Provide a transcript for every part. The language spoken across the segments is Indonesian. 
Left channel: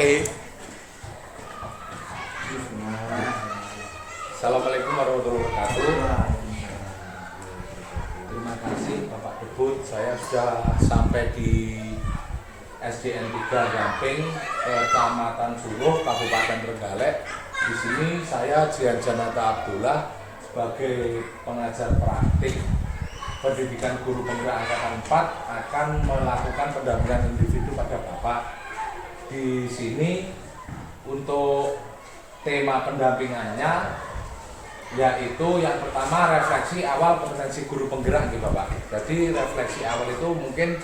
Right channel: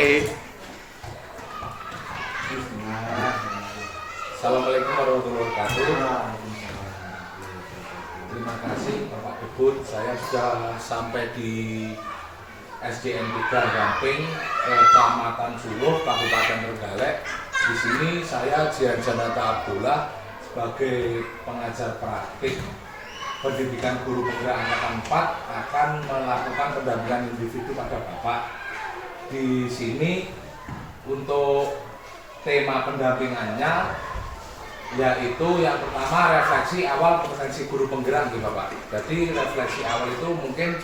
Oke. Assalamualaikum warahmatullahi wabarakatuh. Terima kasih Bapak Debut. Saya sudah sampai di SDN 3 Gamping, Kecamatan Suruh, Kabupaten Trenggalek. Di sini saya Jian Janata Abdullah sebagai pengajar praktik pendidikan guru penggerak angkatan 4 akan melakukan pendampingan individu pada Bapak. Di sini untuk tema pendampingannya yaitu yang pertama refleksi awal kompetensi guru penggerak gitu Bapak. Jadi refleksi awal itu mungkin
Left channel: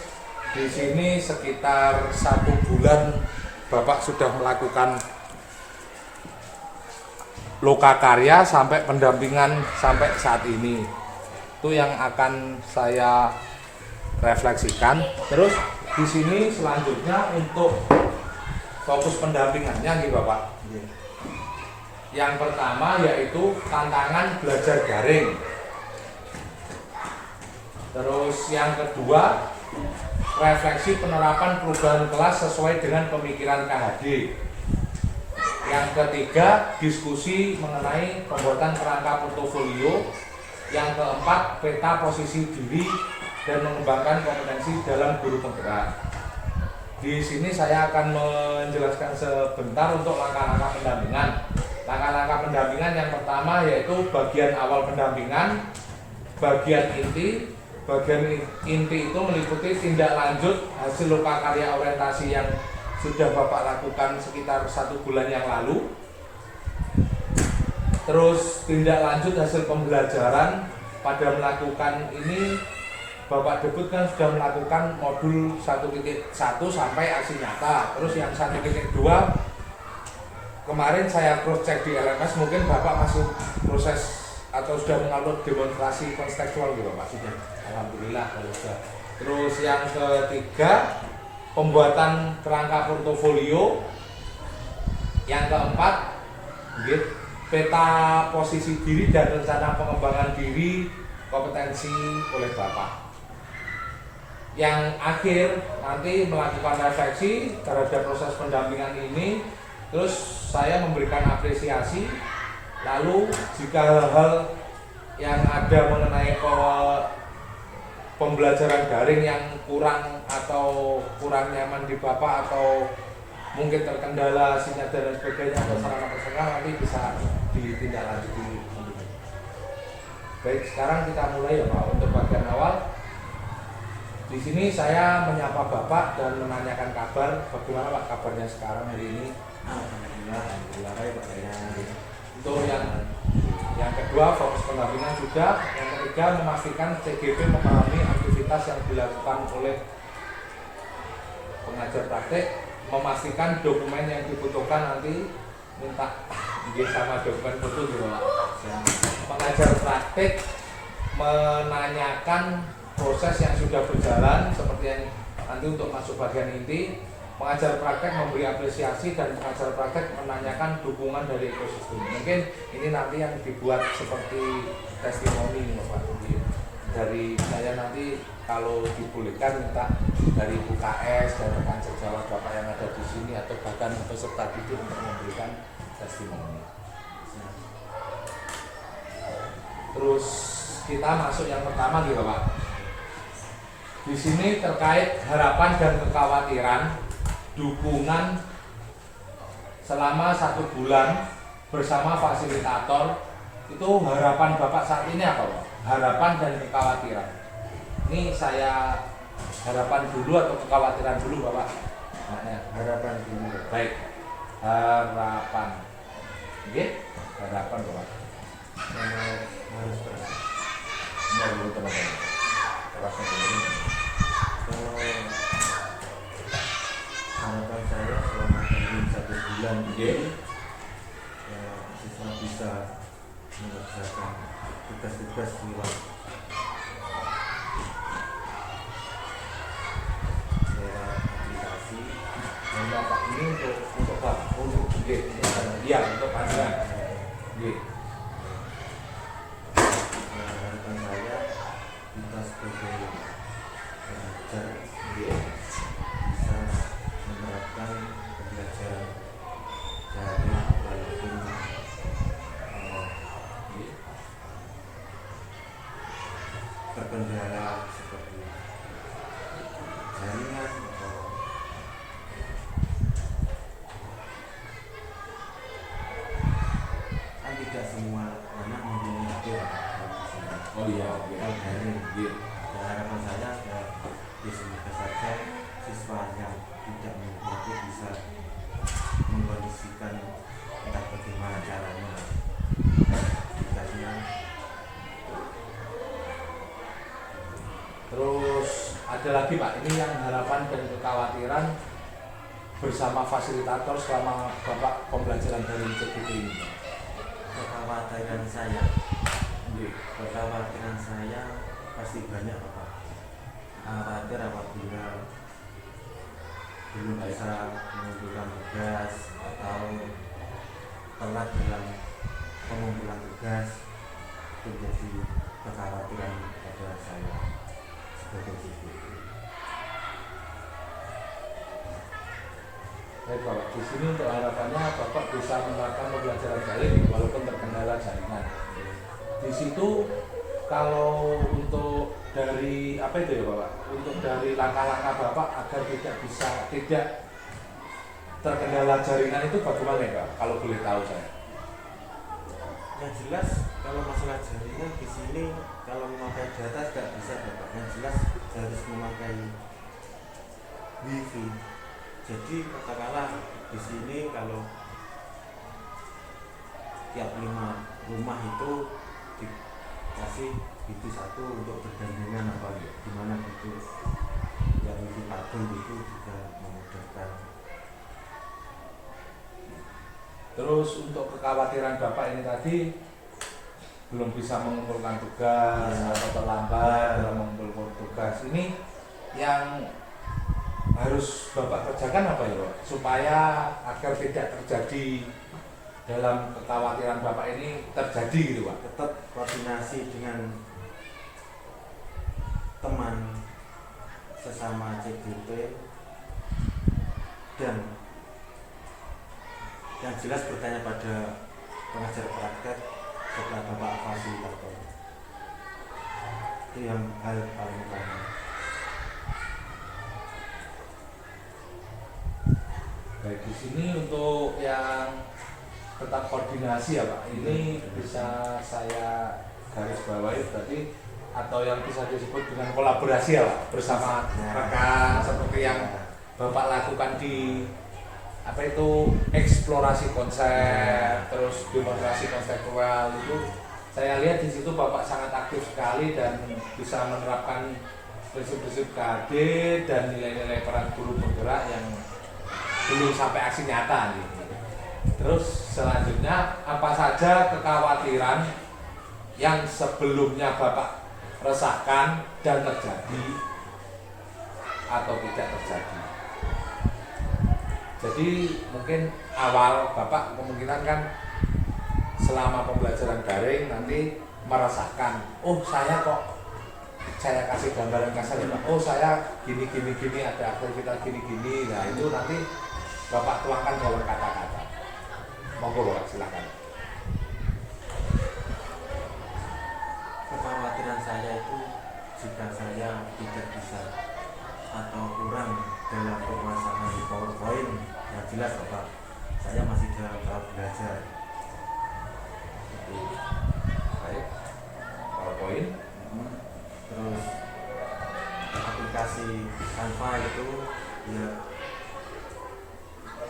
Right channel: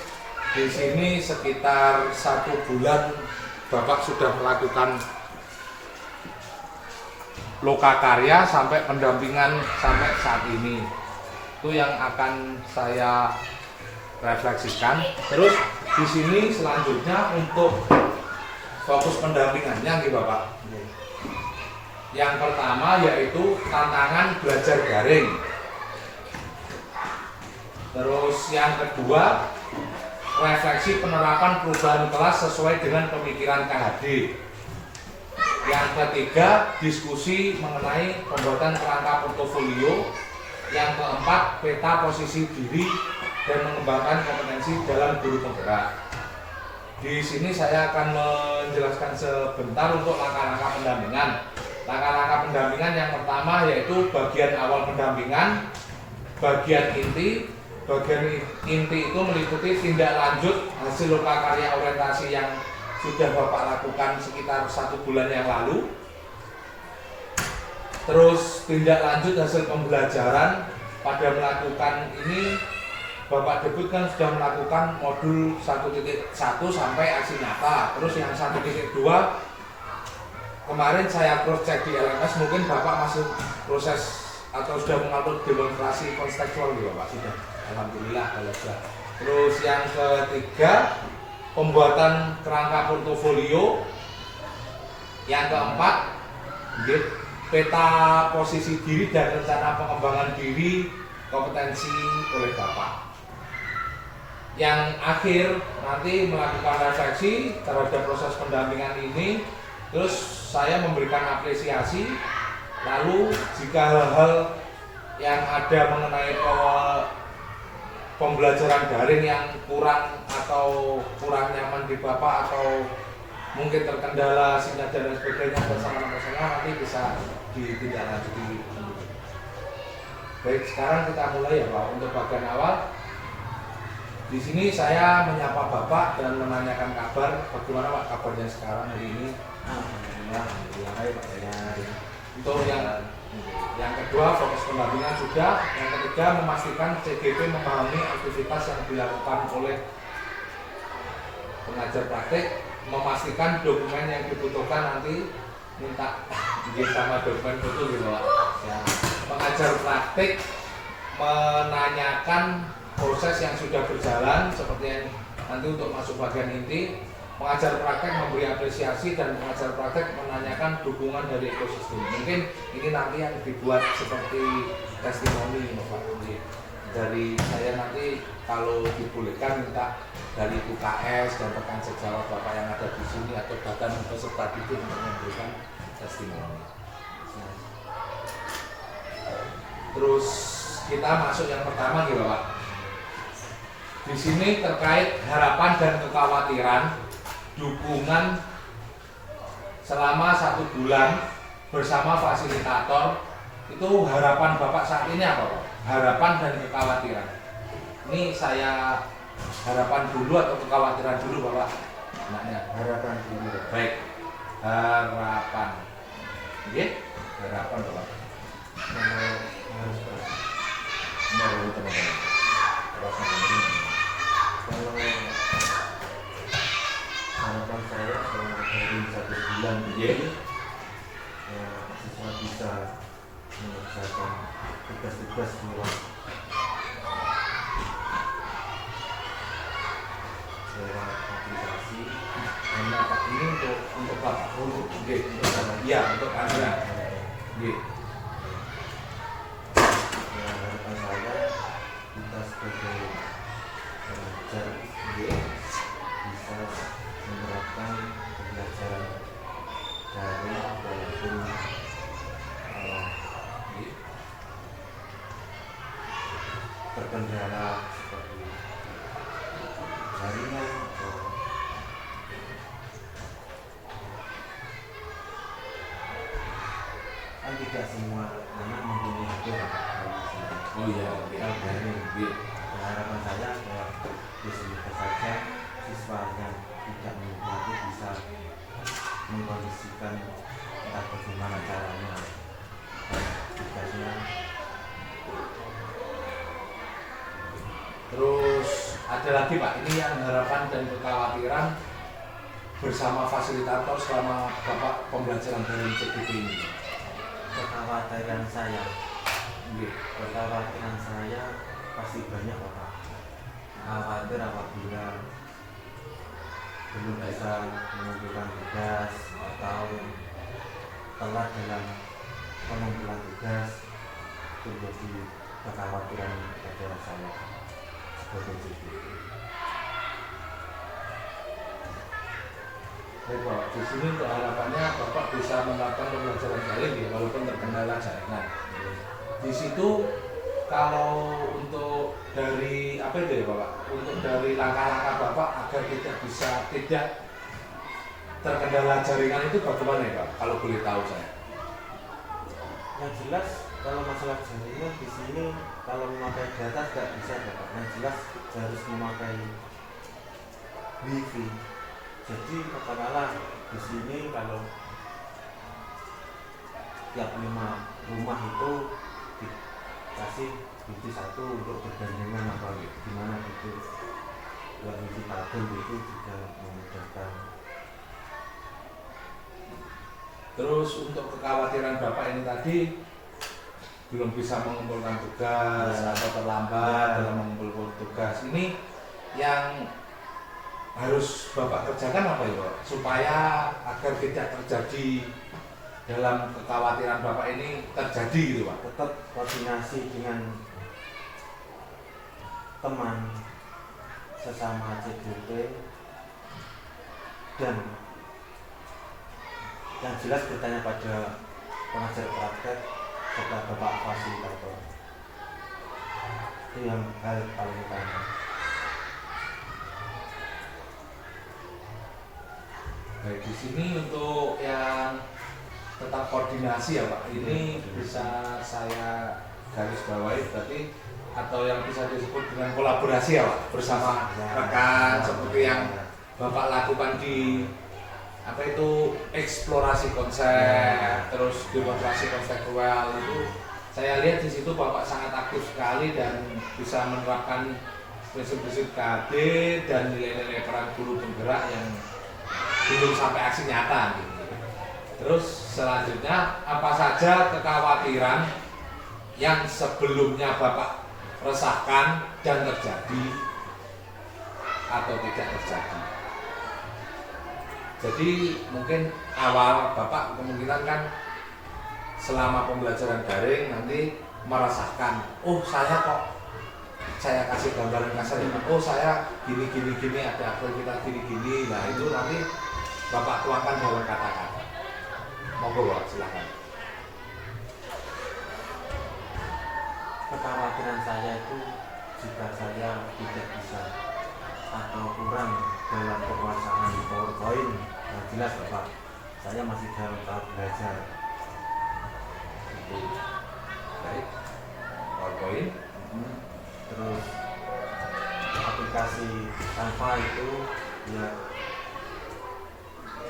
di sini sekitar 1 bulan Bapak sudah melakukan lokakarya sampai pendampingan sampai saat ini. Itu yang akan saya refleksikan. Terus di sini selanjutnya untuk fokus pendampingannya gitu Bapak. Yang pertama yaitu tantangan belajar daring. Terus yang kedua refleksi penerapan perubahan kelas sesuai dengan pemikiran KHD. Yang ketiga diskusi mengenai pembuatan kerangka portofolio. Yang keempat peta posisi diri dan mengembangkan kompetensi dalam guru penggerak. Di sini saya akan menjelaskan sebentar untuk langkah-langkah pendampingan. Langkah-langkah pendampingan yang pertama yaitu bagian awal pendampingan, bagian inti. Bagian inti itu meliputi tindak lanjut hasil lokakarya orientasi yang sudah Bapak lakukan sekitar 1 bulan yang lalu. Terus tindak lanjut hasil pembelajaran pada melakukan ini Bapak Debut kan sudah melakukan modul 1.1 sampai aksi nyata. Terus yang 1.2 kemarin saya cross check di LMS, mungkin Bapak masih proses atau sudah mengupload demonstrasi konstekstual gitu Bapak sudah. Alhamdulillah kalau sudah. Terus yang ketiga pembuatan kerangka portofolio. Yang keempat peta posisi diri dan rencana pengembangan diri kompetensi oleh Bapak. Yang akhir nanti melakukan refleksi terhadap proses pendampingan ini. Terus saya memberikan apresiasi. Lalu jika hal-hal yang ada mengenai pembelajaran daring yang kurang atau kurang nyaman di Bapak atau mungkin terkendala sinyal dan lain sebagainya dan sarana personal nanti bisa ditindaklanjuti. Baik, sekarang kita mulai ya Pak untuk bagian awal. Di sini saya menyapa Bapak dan menanyakan kabar bagaimana Pak kabarnya sekarang hari ini. Alhamdulillah baik Pak ya. Untuk yang kedua fokus pendampingan sudah. Yang ketiga memastikan CGP memahami aktivitas yang dilakukan oleh pengajar praktek. Memastikan dokumen yang dibutuhkan nanti minta sama dokumen foto gitu Pak. Pengajar praktek menanyakan proses yang sudah berjalan seperti yang nanti untuk masuk bagian inti. Pengajar praktek memberi apresiasi dan pengajar praktek menanyakan dukungan dari ekosistem. Mungkin ini nanti yang dibuat seperti testimoni Bapak. Dari saya nanti kalau dibolehkan minta dari UKS dan rekan sejawat Bapak yang ada di sini atau bahkan peserta didik untuk memberikan testimoni. Terus kita masuk yang pertama gitu Bapak. Di sini terkait harapan dan kekhawatiran dukungan selama 1 bulan bersama fasilitator. Itu harapan Bapak saat ini apa Pak? Harapan dan kekhawatiran. Ini saya harapan dulu atau kekhawatiran dulu Bapak? Maknya Harapan dulu. baik. Harapan. Oke? Harapan Bapak. Sama harus berat. Menurut teman-teman. Kalau harapan saya selama dari 1 bulan ini ya siswa bisa mengerjakan tugas-tugas luar lewat aplikasi. Nah, Pak, ini untuk Pak, untuk iya untuk Anda. Ya, harapan saya kita sebagai pengajar bisa menerapkan pembelajaran pembelajaran daring walaupun terkendala seperti jaringan atau kan tidak semua anak mempunyai HP Oh iya, kalau daring ya, harapan saya ya semoga saja siswa yang tidak menikmati bisa mengkondisikan entah bagaimana caranya aplikasinya. Terus ada lagi Pak, ini yang harapan dan kekhawatiran bersama fasilitator selama Bapak pembelajaran daring CGT ini. Kekhawatiran saya pasti banyak Bapak. Khawatir apabila belum bisa mengumpulkan tugas atau telat dalam pengumpulan tugas, itu menjadi kekhawatiran pada saya sebagai CGT. Baik Pak, di sini untuk harapannya Bapak bisa menerapkan pembelajaran daring walaupun terkendala jaringan. Di situ kalau untuk dari apa itu ya Bapak? Untuk dari langkah-langkah Bapak agar tidak terkendala jaringan itu bagaimana ya Pak? Kalau boleh tahu saya. Yang jelas kalau masalah jaringan di sini kalau memakai data tidak bisa Bapak. Yang jelas harus memakai wifi. Jadi katakanlah di sini kalau tiap 5 rumah itu dikasih wifi satu untuk bergandengan atau gimana gitu. Yang wifi kabel itu juga memudahkan. Terus untuk kekhawatiran Bapak ini tadi belum bisa mengumpulkan tugas atau terlambat dalam mengumpulkan tugas, ini yang harus Bapak kerjakan apa ya Pak? Supaya agar tidak terjadi dalam kekhawatiran Bapak ini terjadi gitu Pak. Tetap koordinasi dengan teman sesama CGT dan yang jelas bertanya pada pengajar praktek serta Bapak fasilitator. Itu yang hal paling utama. Baik, di sini untuk yang tetap koordinasi ya Pak, ini bisa saya garis bawahi berarti atau yang bisa disebut dengan kolaborasi ya Pak, bersama rekan seperti yang Bapak lakukan di apa itu eksplorasi konsep, terus demonstrasi konseptual itu saya lihat di situ Bapak sangat aktif sekali dan bisa menerapkan prinsip-prinsip KD dan nilai-nilai peran guru penggerak yang belum sampai aksi nyata gitu. Terus selanjutnya apa saja kekhawatiran yang sebelumnya Bapak resahkan dan terjadi atau tidak terjadi. Jadi mungkin awal Bapak kemungkinan kan selama pembelajaran daring nanti merasakan, oh saya kok saya kasih gambaran kasarnya, oh saya gini ada aktivitas gini, nah itu nanti Bapak tuangkan dalam kata-kata. Monggo Pak, silakan. Kekhawatiran saya itu jika saya tidak bisa atau kurang dalam penguasaan PowerPoint, nah jelas Bapak, saya masih dalam tahap belajar. Itu Baik, PowerPoint. Terus aplikasi Canva itu ya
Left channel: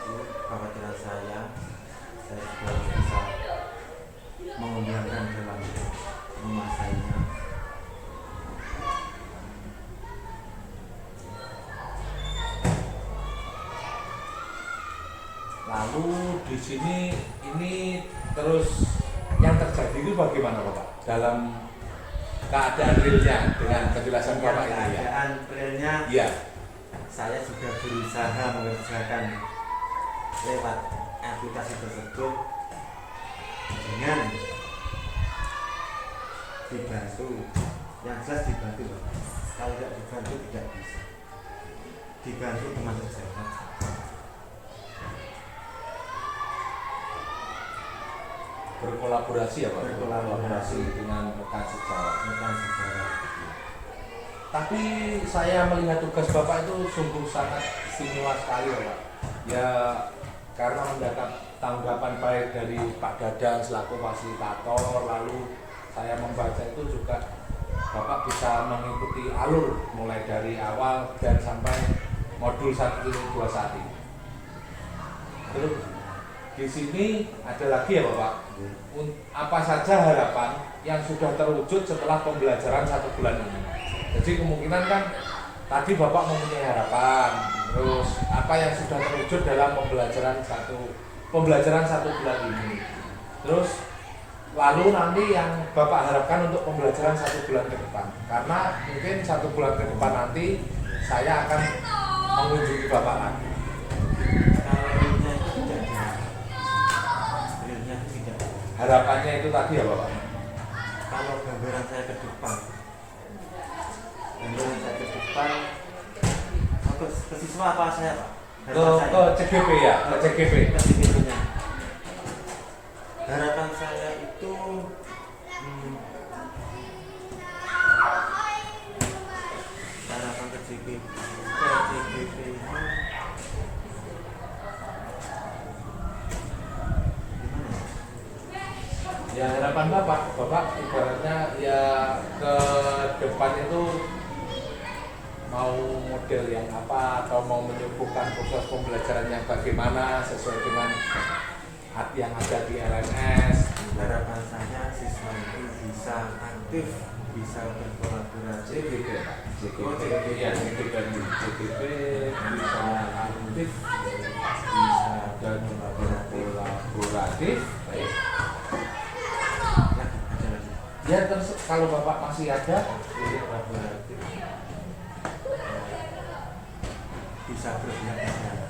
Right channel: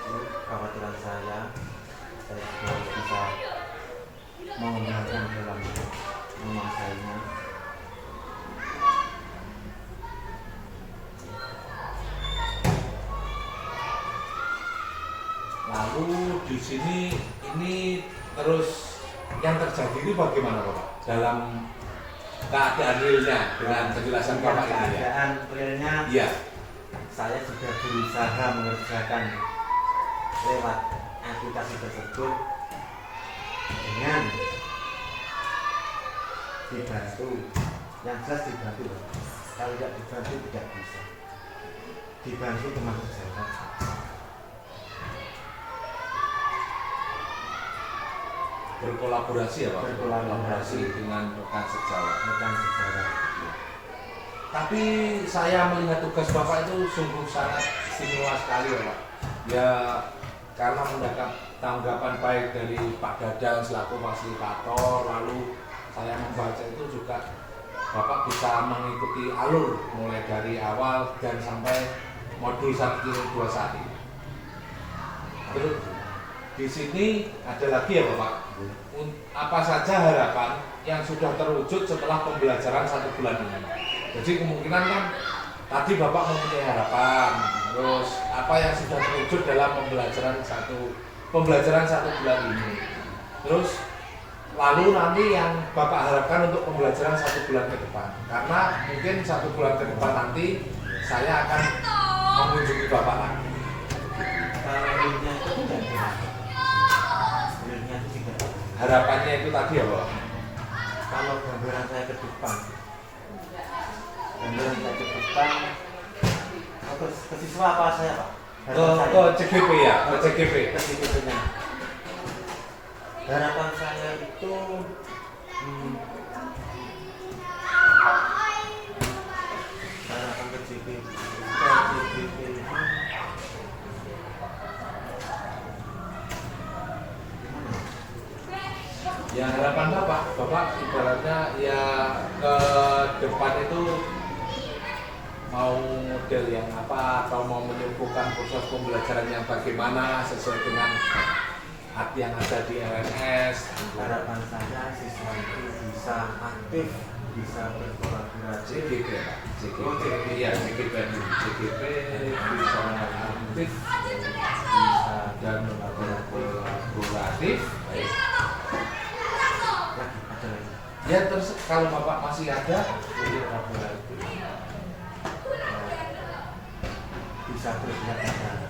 itu kekhawatiran saya juga bisa mengembangkan dalam menguasainya. Lalu di sini ini terus yang terjadi itu bagaimana Bapak dalam keadaan realnya dengan penjelasan Bapak ini ya? Keadaan realnya Iya. saya juga berusaha mengerjakan lewat aplikasi tersebut dengan dibantu, yang jelas dibantu. Kalau tidak dibantu tidak bisa. Dibantu teman sejawat. berkolaborasi ya Pak? Berkolaborasi dengan rekan sejawat. rekan sejawat. Tapi saya melihat tugas Bapak itu sungguh sangat istimewa sekali ya Pak. Ya karena mendapat tanggapan baik dari Pak Dadang selaku fasilitator, lalu saya membaca itu juga Bapak bisa mengikuti alur mulai dari awal dan sampai modul 1, 2 saat ini. Terus di sini ada lagi ya Bapak, apa saja harapan yang sudah terwujud setelah pembelajaran 1 bulan ini? Jadi kemungkinan kan tadi Bapak mempunyai harapan, terus apa yang sudah terwujud dalam pembelajaran satu bulan ini, terus lalu nanti yang Bapak harapkan untuk pembelajaran 1 bulan ke depan, karena mungkin 1 bulan ke depan nanti saya akan mengunjungi Bapak lagi. Kalau realnya itu tidak ada. Realnya itu tidak ada. Harapannya itu tadi ya Bapak. Kalau gambaran saya ke depan, ke siswa apa saya Pak? Ke CGP ya, ke CGP. Ke CGP-nya. Harapan saya itu harapan ke CGP ini Ya harapan Bapak ibaratnya ya ke depan itu mau model yang apa atau mau menyembuhkan proses pembelajaran yang bagaimana sesuai dengan yang ada di LMS. harapan saya siswa itu bisa aktif, bisa berkolaborasi. CGP ya Pak, Oh, CGP. ya CGP bisa aktif, bisa dan kolaboratif. Baik. Lagi, ada lagi. Ya terus kalau Bapak masih ada, jadi kolaboratif. Bisa berpihak pada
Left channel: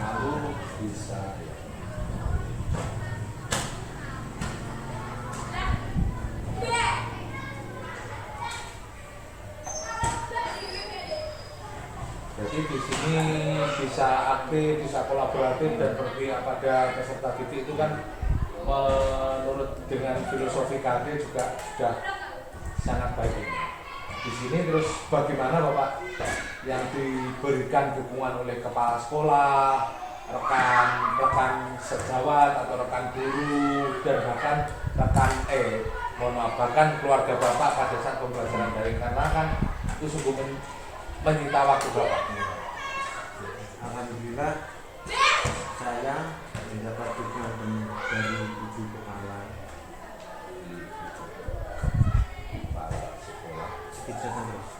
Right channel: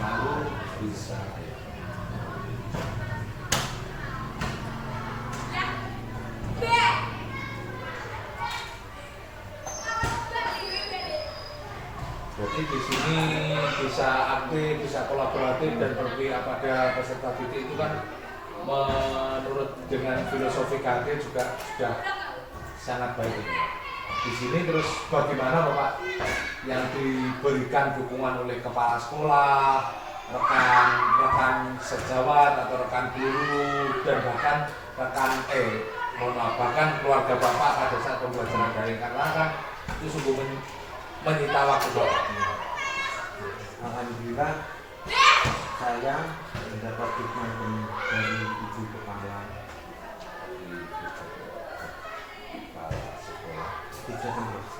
Lalu bisa Jadi di sini bisa aktif, bisa kolaboratif dan berpihak pada peserta didik itu kan menurut dengan filosofi KD juga sudah sangat baik ini. Di sini terus bagaimana Bapak yang diberikan dukungan oleh kepala sekolah, rekan sejawat atau rekan guru dan bahkan bahkan keluarga Bapak pada saat pembelajaran daring, karena kan itu sungguh menyita waktu Bapak. Alhamdulillah saya mendapat dukungan dari ibu kepala Sekolah bisa terus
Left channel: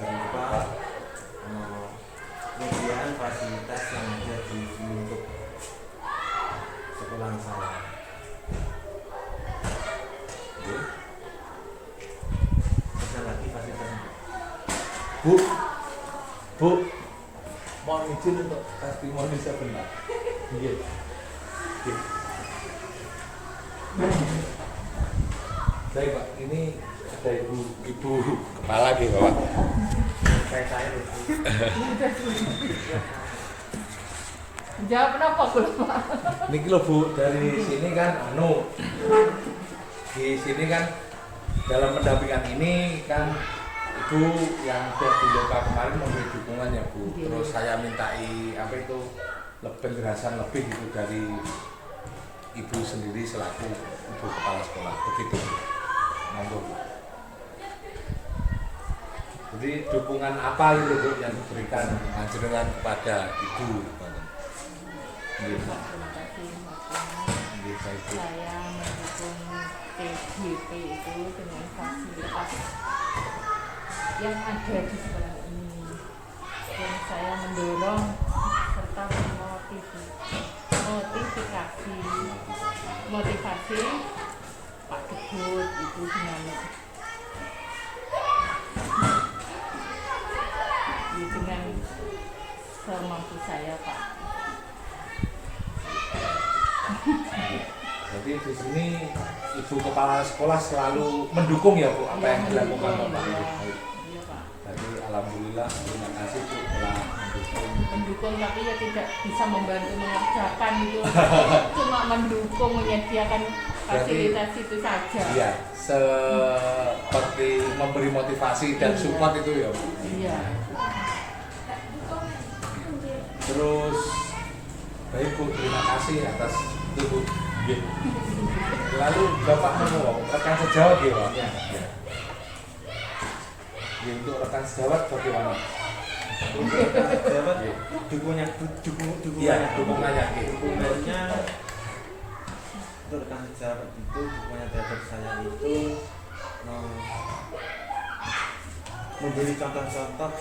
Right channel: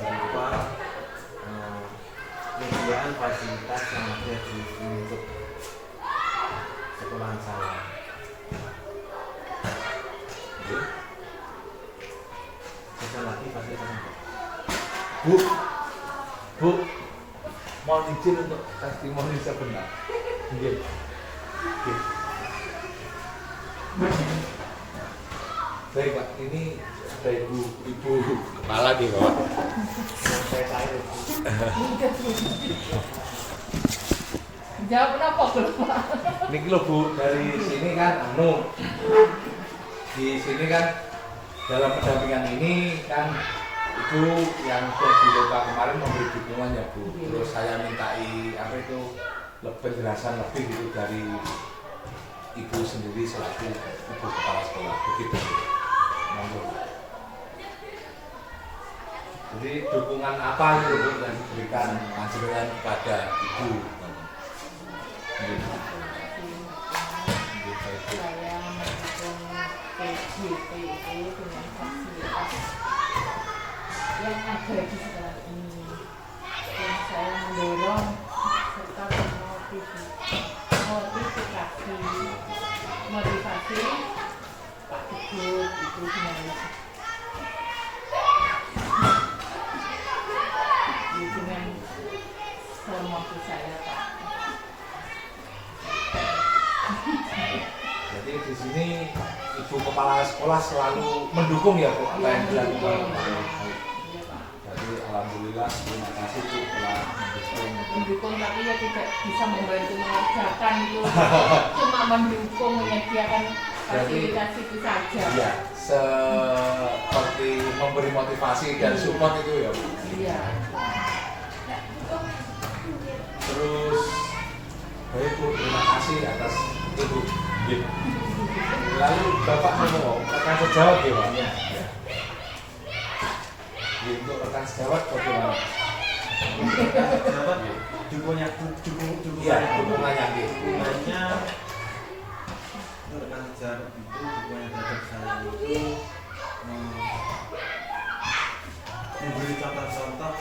berupa penyediaan fasilitas yang ada di lingkup sekolah saya. Ada lagi fasilitas Bu, mohon izin untuk testimoni sebentar. Iya. Baik Pak, ini ada ibu kepala di bawah. saya Jawab kenapa Pak? Niki lho Bu, dari sini kan di sini kan dalam pendampingan ini kan Ibu yang di lokal kemarin memberi dukungan ya Bu. Terus saya mintai penjelasan lebih gitu dari Ibu sendiri selaku Ibu Kepala Sekolah. Begitu Bu. Monggo. Jadi dukungan apa itu Bu yang diberikan panjenengan kepada Ibu? Gitu. Saya mendukung PJP itu dengan fasilitas yang ada di sekolah ini, dan saya mendorong serta motivasi Pak Teguh itu gimana? Dengan semampu saya Pak. Jadi di sini Ibu Kepala Sekolah selalu mendukung ya Bu apa yang dilakukan. Jadi alhamdulillah alhamdulillah terima kasih tuh telah mendukung tapi ya tidak bisa membantu mengerjakan itu cuma mendukung menyediakan fasilitas itu saja. Iya, seperti memberi motivasi dan support itu ya. Iya. Terus baik Bu, terima kasih atas itu. Gitu. Lalu Bapak mau rekan sejawat ya Pak? Ya. Untuk rekan sejawat bagaimana? Dukungannya Iya, dukungannya gitu. dukungannya untuk rekan sejawat itu dukungannya terhadap saya itu memberi contoh-contoh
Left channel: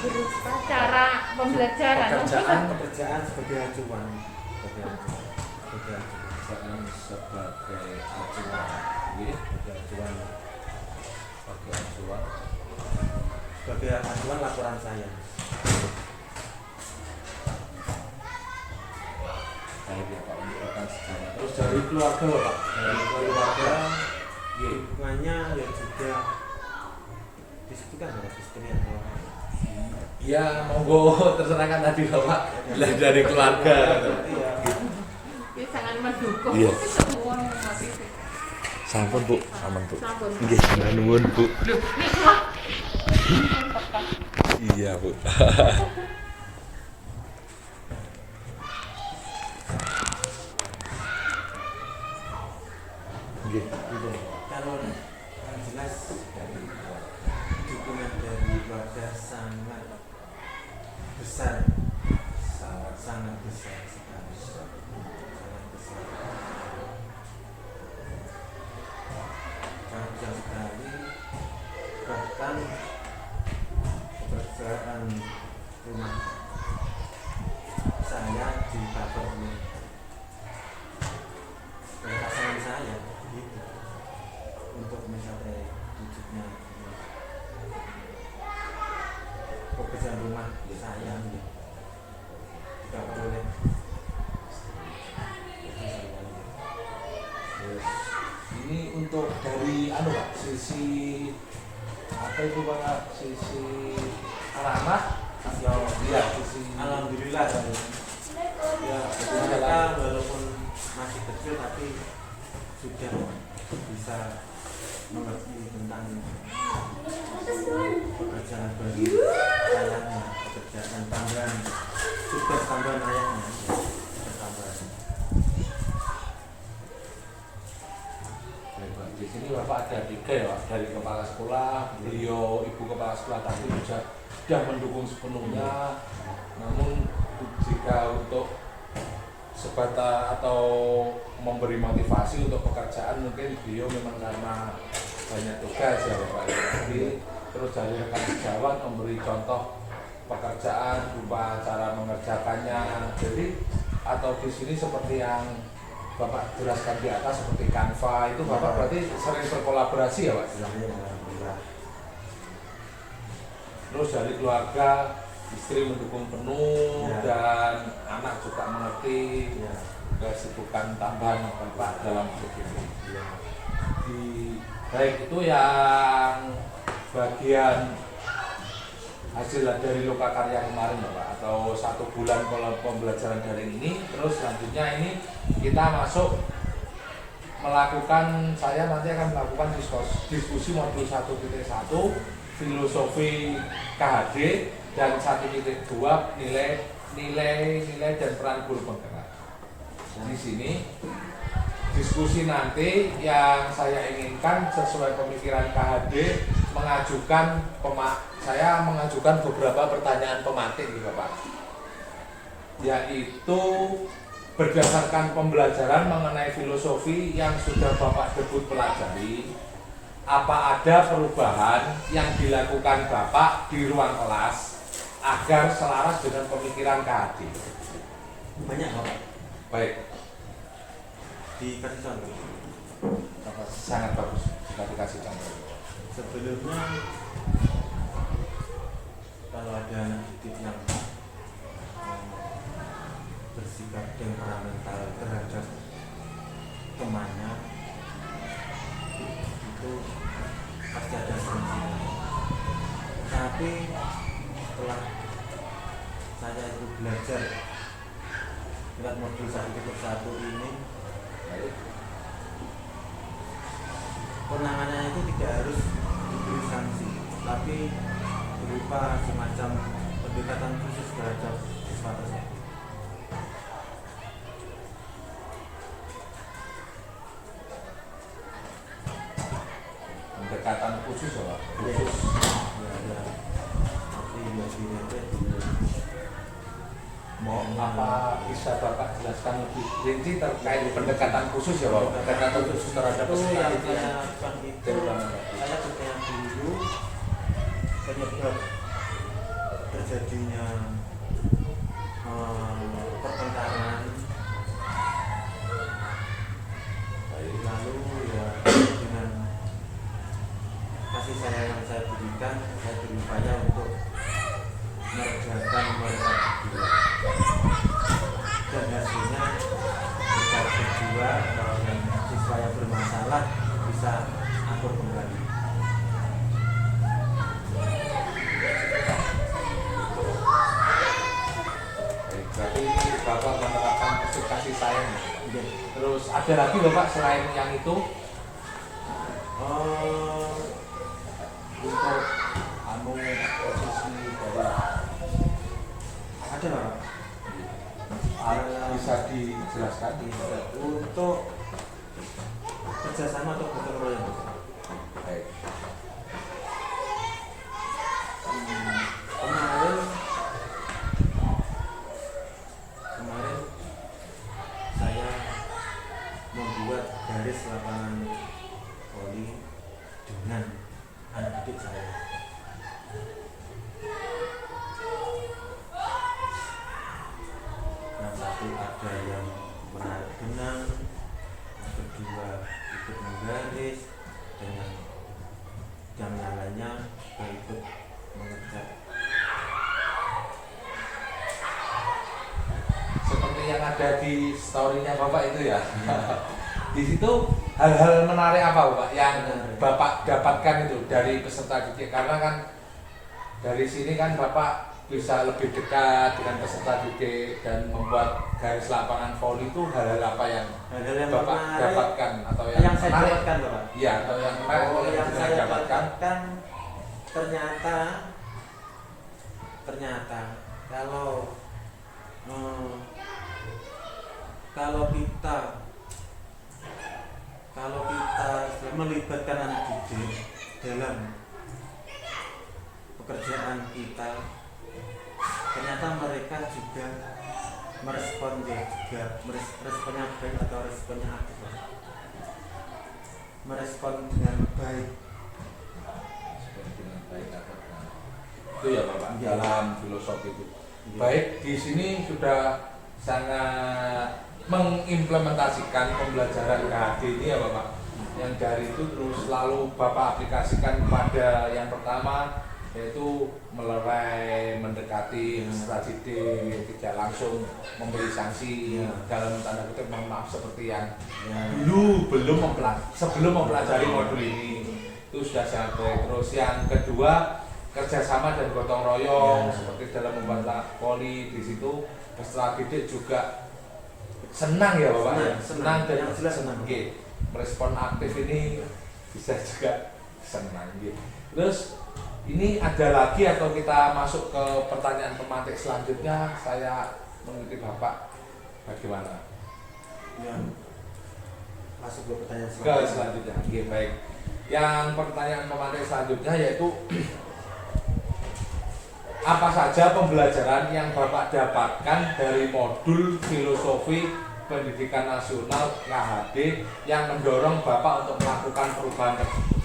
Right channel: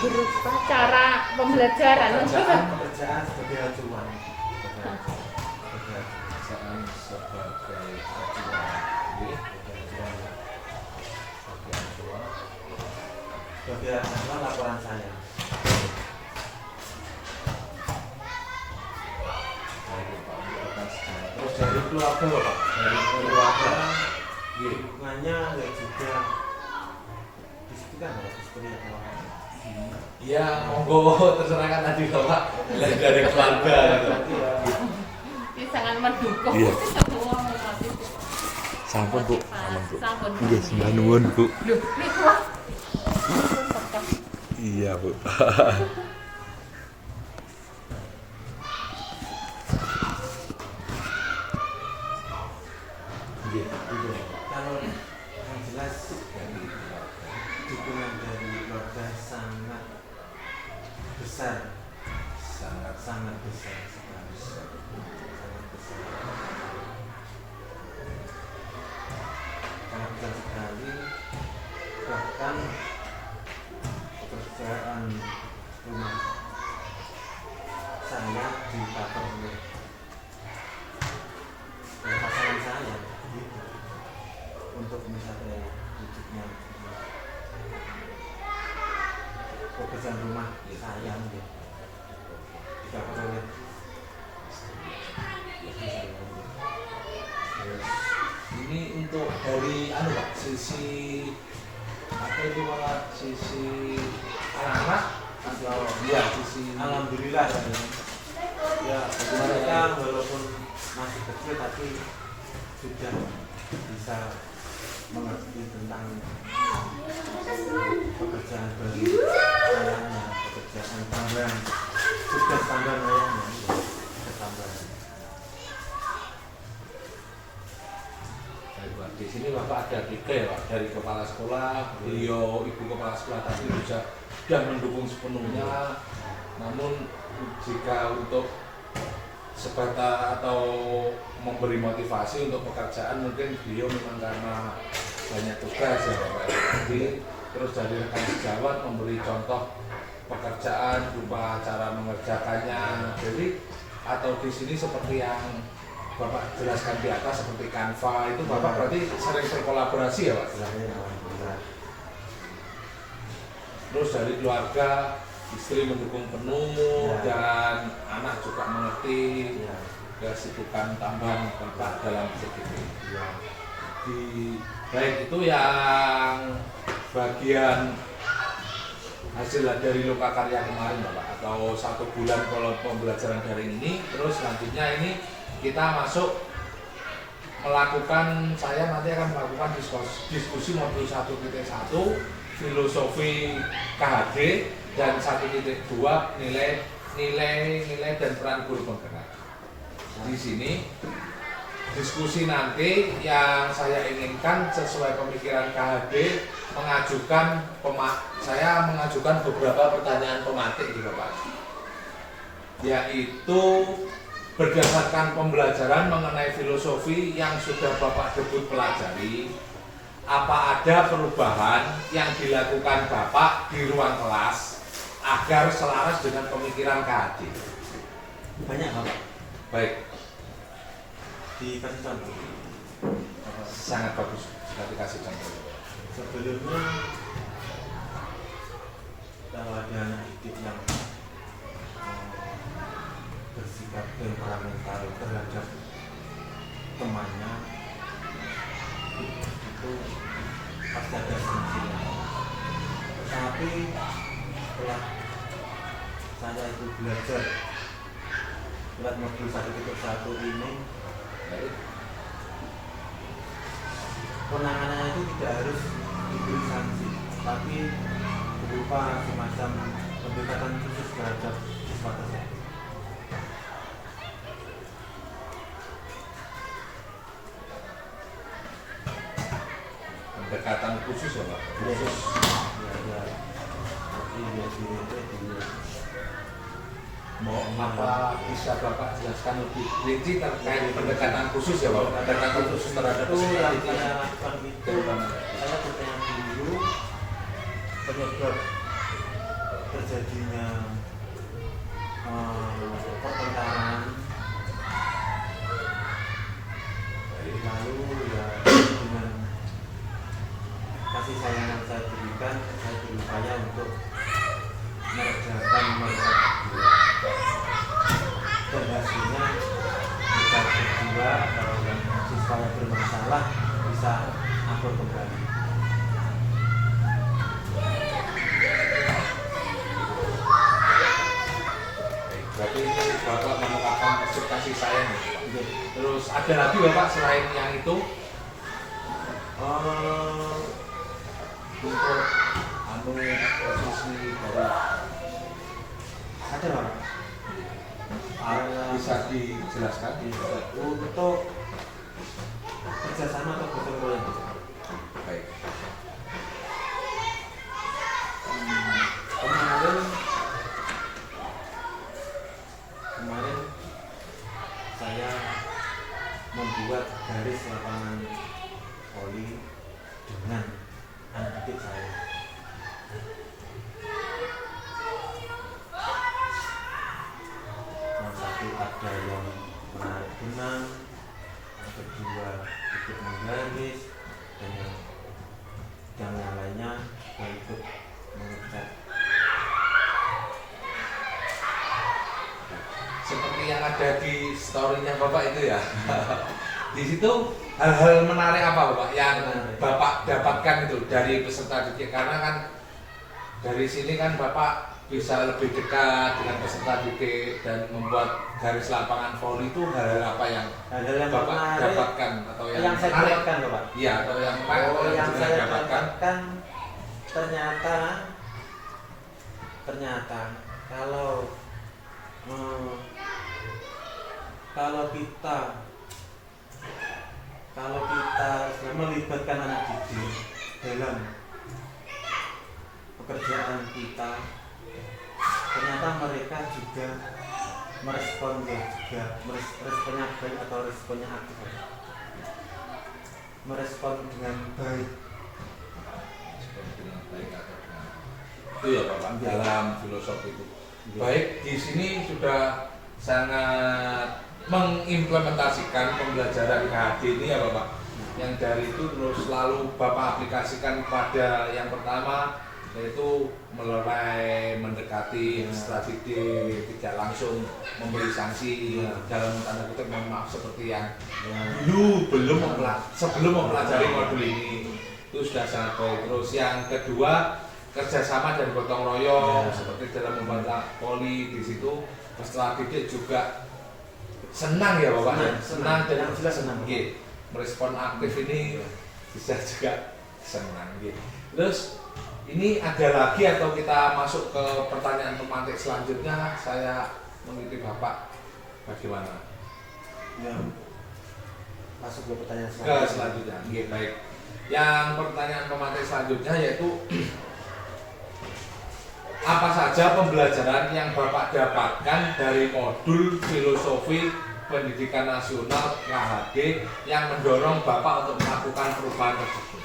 Berupa cara pembelajaran pekerjaan sebagai acuan Pekerjaan sebagai acuan, sebagai acuan laporan saya. Terus dari keluarga Pak, dari keluarga, iya. Dukungannya ya juga di situ kan ada sistemnya. Ya monggo terserahkan tadi Bapak dari keluarga. ya sangat mendukung. Iya. Semua memasuki. Sampun Bu, aman Bu. Sampun. Nggih, matur nuwun Bu. Loh, nih kuah. Iya Bu. Nggih. Kalau yang jelas dukungan dari keluarga sangat besar, sangat besar sekali, sangat besar sekali. Bahkan pekerjaan rumah saya dicover oleh pasangan saya gitu. Untuk misalnya wujudnya pekerjaan rumah saya gitu. Dicover oleh Ini untuk dari Pak, sisi apa itu Pak? Sisi anak-anak atau ya sisi alhamdulillah ya mereka walaupun masih kecil tapi sudah bisa mengerti tentang pekerjaan dari ayahnya, pekerjaan tambahan, tugas tambahan ayahnya, tugas tambahan. di sini Bapak ada 3 ya Pak, dari kepala sekolah, beliau ibu kepala sekolah tadi juga sudah mendukung sepenuhnya. Namun jika untuk sebatas atau memberi motivasi untuk pekerjaan mungkin beliau memang karena banyak tugas ya Bapak. Jadi terus dari rekan sejawat memberi contoh pekerjaan berupa cara mengerjakannya. Jadi atau di sini seperti yang Bapak jelaskan di atas seperti Canva itu Bapak berarti sering berkolaborasi ya Pak? Terus dari keluarga istri mendukung penuh dan anak juga mengerti kesibukan tambahan Bapak dalam hidup ini. Baik itu yang bagian hasil dari lokakarya kemarin Bapak atau 1 bulan kalau pembelajaran daring ini. Terus selanjutnya ini kita masuk melakukan, saya nanti akan melakukan diskusi modul 1.1 filosofi KHD dan 1.2 nilai dan peran guru penggerak. Di sini diskusi nanti yang saya inginkan sesuai pemikiran KHD saya mengajukan beberapa pertanyaan pematik di Bapak, yaitu berdasarkan pembelajaran mengenai filosofi yang sudah Bapak debut pelajari, apa ada perubahan yang dilakukan Bapak di ruang kelas agar selaras dengan pemikiran KHD? Banyak Bapak. Baik, Dikasih contoh. sangat bagus jika dikasih contoh. Sebelumnya kalau ada anak didik yang bersikap temperamental terhadap temannya, itu pasti ada sanksi. Tapi setelah saya itu belajar lewat modul 1.1 ini, penanganannya itu tidak harus diberi sanksi, tapi berupa semacam pendekatan khusus terhadap siswa tersebut. Pendekatan khusus ya Pak? Khusus. Ya, seperti ya Mau apa bisa Bapak jelaskan lebih rinci terkait pendekatan khusus ya Bapak? Pendekatan khusus terhadap itu yang peserta saya lakukan itu, dari mana? saya bertanya dulu penyebab terjadinya pertengkaran, lalu ya dengan kasih sayang yang saya berikan, saya berupaya untuk meredakan mereka berdua, dan hasilnya mereka berdua siswa yang bermasalah bisa akur kembali. Berarti itu Bapak menerapkan prinsip kasih sayang ya? Iya. Terus ada lagi Bapak selain yang itu? Untuk Posisi dari ada Pak? bisa dijelaskan? Untuk kerjasama atau gotong royong. Baik. Kemarin saya membuat garis lapangan voli dengan anak didik saya. Yang satu ada yang menarik benang, yang kedua ikut menggaris, dan yang lainnya juga ikut mengecat. Seperti yang ada di story-nya Bapak itu ya. Di situ hal-hal menarik apa Bapak yang Bapak dapatkan itu dari peserta didik? Karena kan dari sini kan Bapak bisa lebih dekat dengan peserta didik dan membuat garis lapangan voli itu hal-hal apa yang Bapak menarik, dapatkan atau yang saya menarik? dapatkan Bapak. Iya, atau yang menarik atau yang yang bisa saya dapatkan? ternyata kalau kita melibatkan anak didik dalam pekerjaan kita, ternyata mereka juga responnya baik atau responnya aktif, merespon dengan baik. Itu ya Bapak dalam filosofi itu. Ya. Baik, di sini sudah sangat mengimplementasikan pembelajaran KHD ini ya Bapak. Yang dari itu terus selalu Bapak aplikasikan kepada yang pertama, yaitu melerai, mendekati peserta didik, tidak langsung memberi sanksi dalam tanda kutip mohon maaf seperti yang dulu sebelum mempelajari modul ini. Itu sudah sangat baik. Terus yang kedua, kerjasama dan gotong royong seperti dalam membaca poli. Di situ peserta didik juga senang ya Bapak, senang dan jelas senang. Merespon aktif ini bisa juga senang. Terus ini ada lagi atau kita masuk ke pertanyaan pemantik selanjutnya? Saya mengikuti Bapak, bagaimana? Ya, masuk ke pertanyaan Selanjutnya. Baik. Yang pertanyaan pemantik selanjutnya yaitu apa saja pembelajaran yang Bapak dapatkan dari modul filosofi pendidikan nasional KHD yang mendorong Bapak untuk melakukan perubahan tersebut?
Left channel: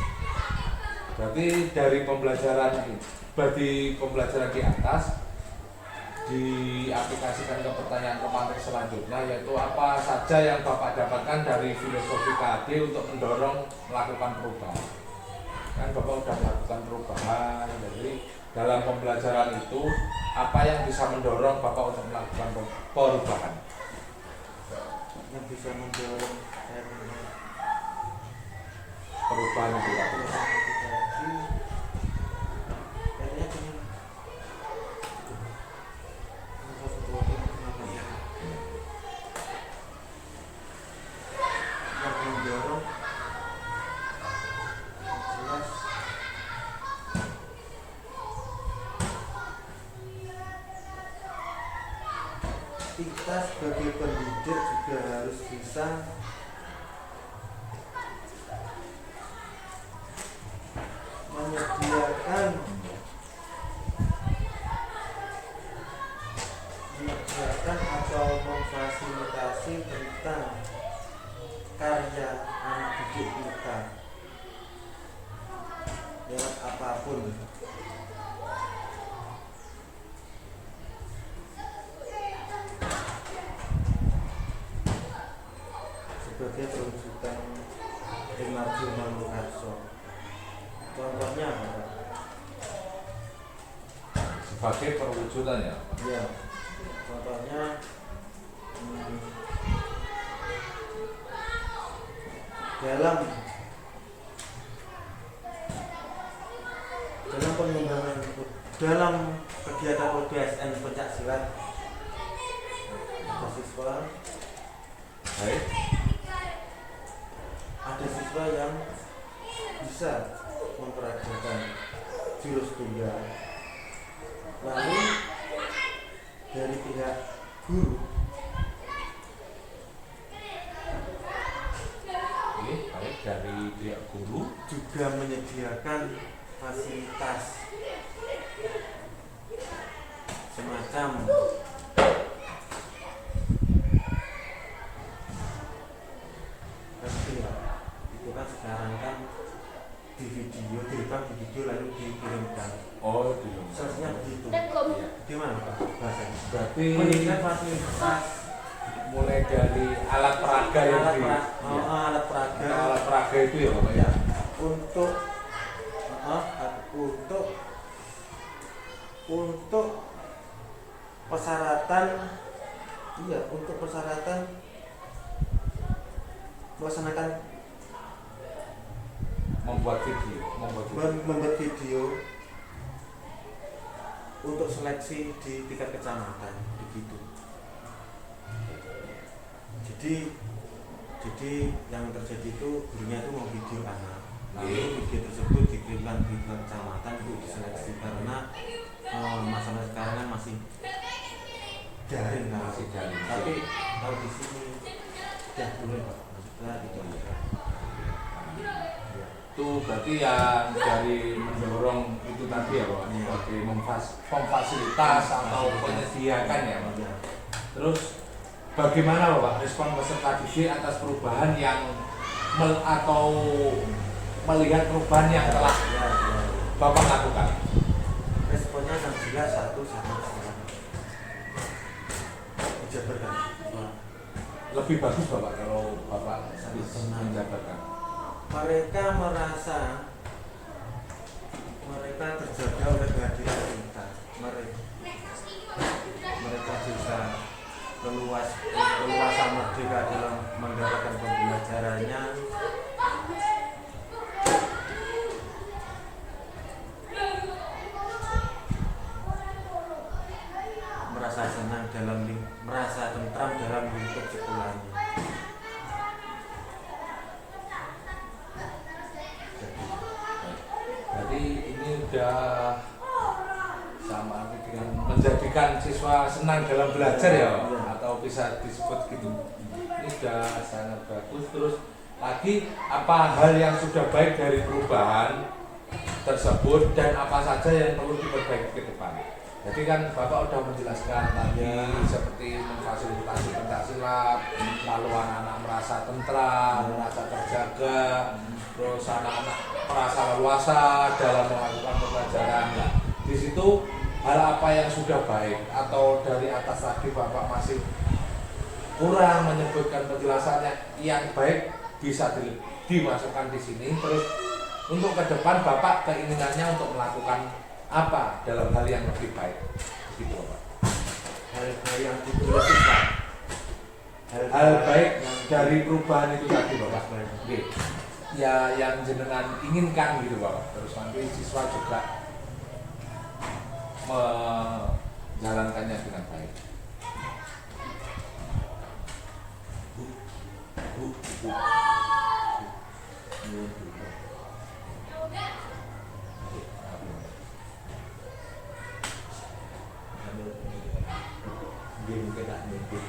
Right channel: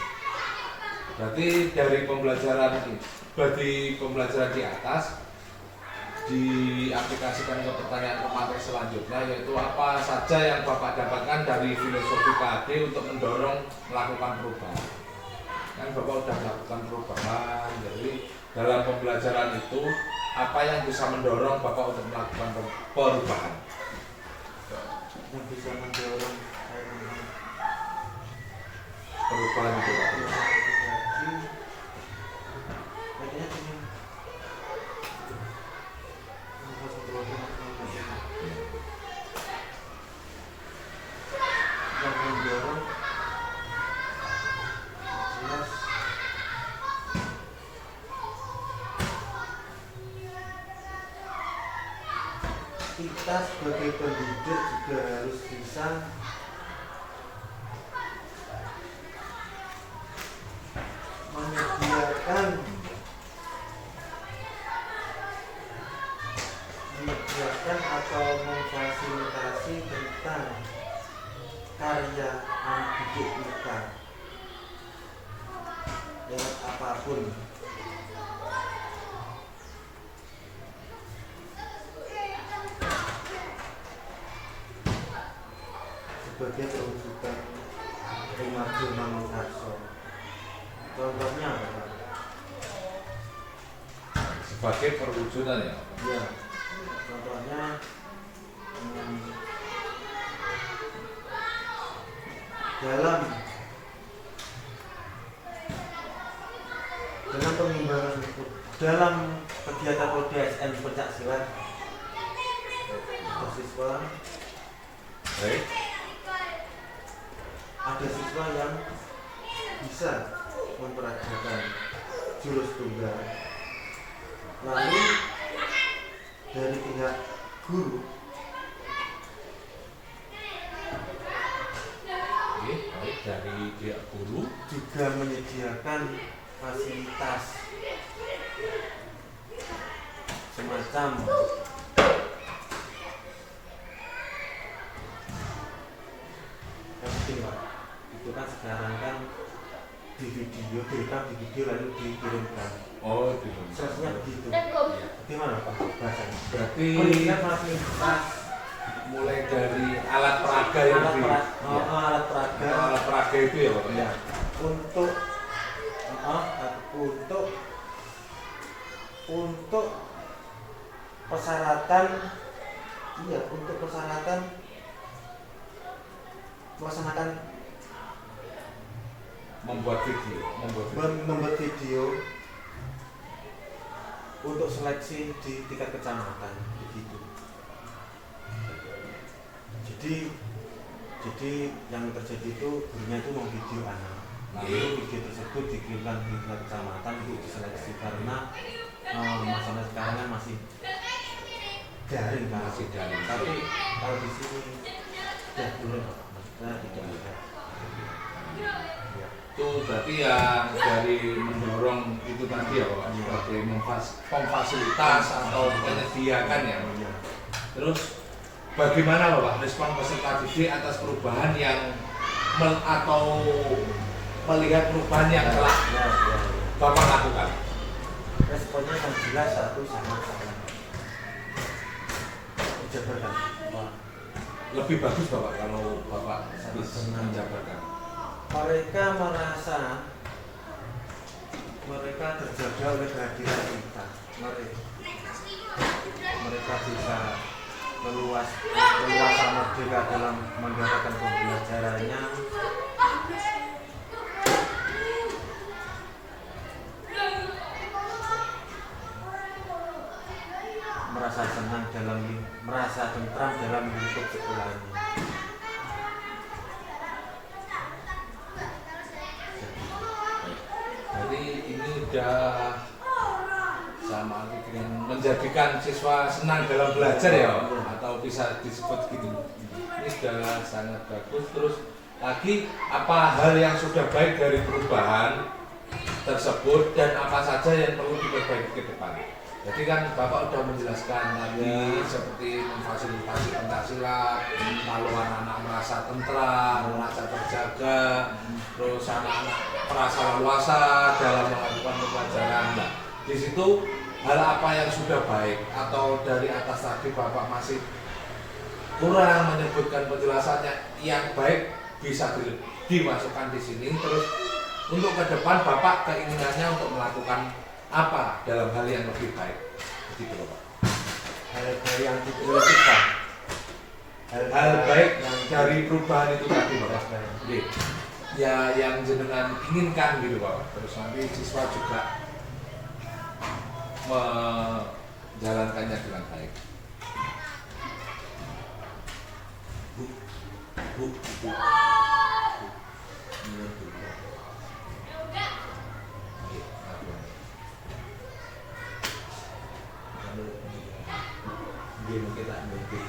Berarti dari pembelajaran ini, bagi pembelajaran di atas diaplikasikan ke pertanyaan pemantik selanjutnya, yaitu apa saja yang Bapak dapatkan dari filosofi KHD untuk mendorong melakukan perubahan? Kan Bapak sudah melakukan perubahan, jadi dalam pembelajaran itu apa yang bisa mendorong Bapak untuk melakukan perubahan? Yang bisa mendorong saya melakukan Perubahan itu Pak. kayaknya cuma satu keluarga masing-masing. Yang mendorong jelas kita sebagai pendidik juga harus bisa menyediakan atau memfasilitasi tentang karya anak didik kita lewat apapun. Sebagai perwujudan Rinaldi Manungkarso. Contohnya apa Pak? Sebagai perwujudan ya? Ya, contohnya dalam pengembangan dalam kegiatan ODSN pencak silat siswa Baik. ada siswa yang bisa mempelajari jurus tunggal, lalu dari pihak guru Baik, dari pihak guru juga menyediakan fasilitas semacam penting Pak. Itu kan sekarang kan di video, direkam di video lalu dikirimkan. Oh, di rumah. Seharusnya begitu. Iya. Gimana Pak bahasanya? Berarti Pendidikan fasilitas mulai dari alat peraga yang alat di alat peraga alat peraga itu ya Bapak ya? untuk untuk persyaratan untuk persyaratan melaksanakan membuat video membuat video untuk seleksi di tingkat kecamatan begitu. Jadi yang terjadi itu gurunya itu mau video anak, lalu video tersebut dikirimkan di tingkat kecamatan untuk diseleksi karena masalah sekarang kan masih daring kan. Masih daring. Tapi kalau di sini sudah turun Pak, maksudnya tidak ada. Ya. itu berarti yang dari mendorong itu tadi ya Pak, Iya. seperti memfasilitas atau menyediakan ya Pak. Ya. Terus bagaimana Bapak respon peserta didik atas perubahan yang atau melihat perubahan yang telah Ya. Bapak lakukan? Responnya yang jelas satu sama salah. Dijabarkan. Lebih bagus Bapak kalau Bapak Sangat bisa senang. menjabarkan. Mereka merasa mereka terjaga oleh kehadiran kita. Mereka bisa leluasa merdeka dalam menggerakkan pembelajarannya. Merasa senang merasa tentram dalam lingkup sekolahnya. Jadi ini udah sama pikiran menjadikan siswa senang dalam belajar ya Pak? Atau bisa disebut gitu. Ini sudah sangat bagus. Terus lagi apa hal yang sudah baik dari perubahan tersebut dan apa saja yang perlu diperbaiki ke depan. Jadi kan Bapak sudah menjelaskan tadi seperti memfasilitasi pencaksilat, lalu anak-anak merasa tentram, merasa terjaga, terus anak-anak merasa leluasa dalam melakukan pembelajaran. Nah, di situ hal apa yang sudah baik atau dari atas tadi Bapak masih kurang menyebutkan penjelasannya yang baik bisa dimasukkan di sini. Terus untuk ke depan Bapak keinginannya untuk melakukan apa dalam hal yang lebih baik begitu Bapak? Hal-hal yang diprioritaskan. Hal baik dari perubahan itu tadi Bapak. Baik. Oke. Ya yang jenengan inginkan gitu Bapak. Terus nanti siswa juga menjalankannya dengan baik. Bu. Mungkin tak mungkin.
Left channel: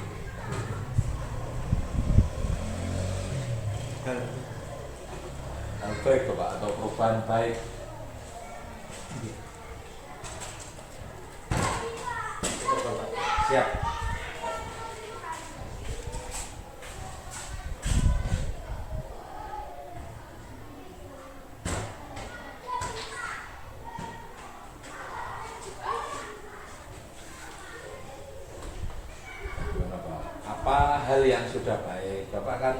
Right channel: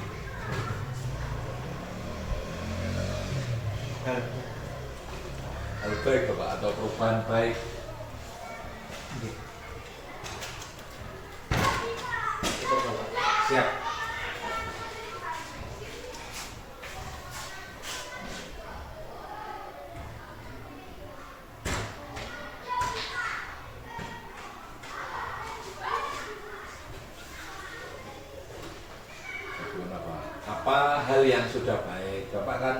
Hal baik Bapak atau perubahan baik. Syukur Bapak. Siap. Apa hal yang sudah baik? Bapak kan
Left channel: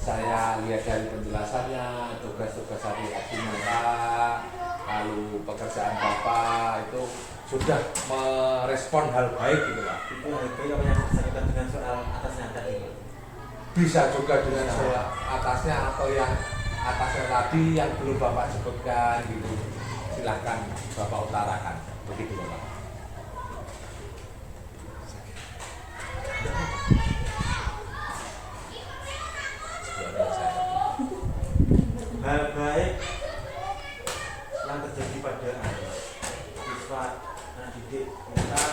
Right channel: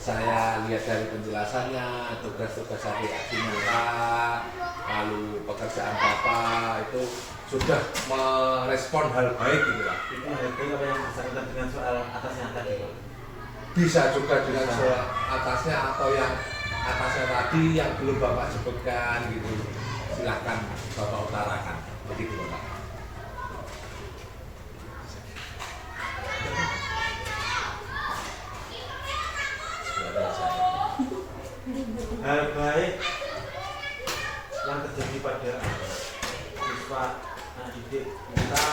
saya lihat dari penjelasannya, tugas-tugas adik-adik Bapak, lalu pekerjaan Bapak itu sudah merespon hal baik gitu Pak. Itu hal baik apa yang bersangkutan dengan soal atasnya tadi Pak? Bisa juga dengan soal atasnya atau yang atasnya tadi yang belum Bapak sebutkan gitu. Silahkan Bapak utarakan begitu Bapak. Hal baik yang terjadi pada siswa anak didik kita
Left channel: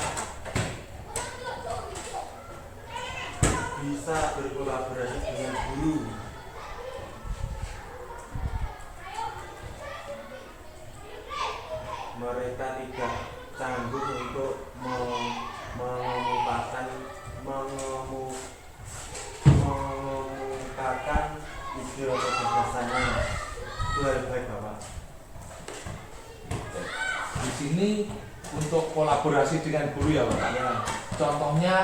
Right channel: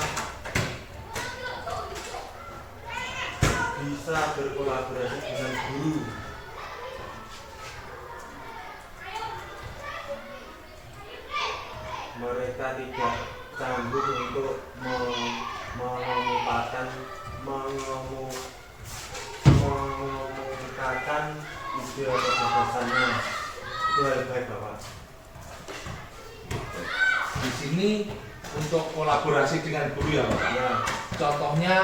bisa berkolaborasi dengan guru. Mereka tidak canggung untuk mengumumkakan ide atau gagasannya. Itu hal baik Bapak. Di sini untuk kolaborasi dengan guru ya Bapak. Ya. Contohnya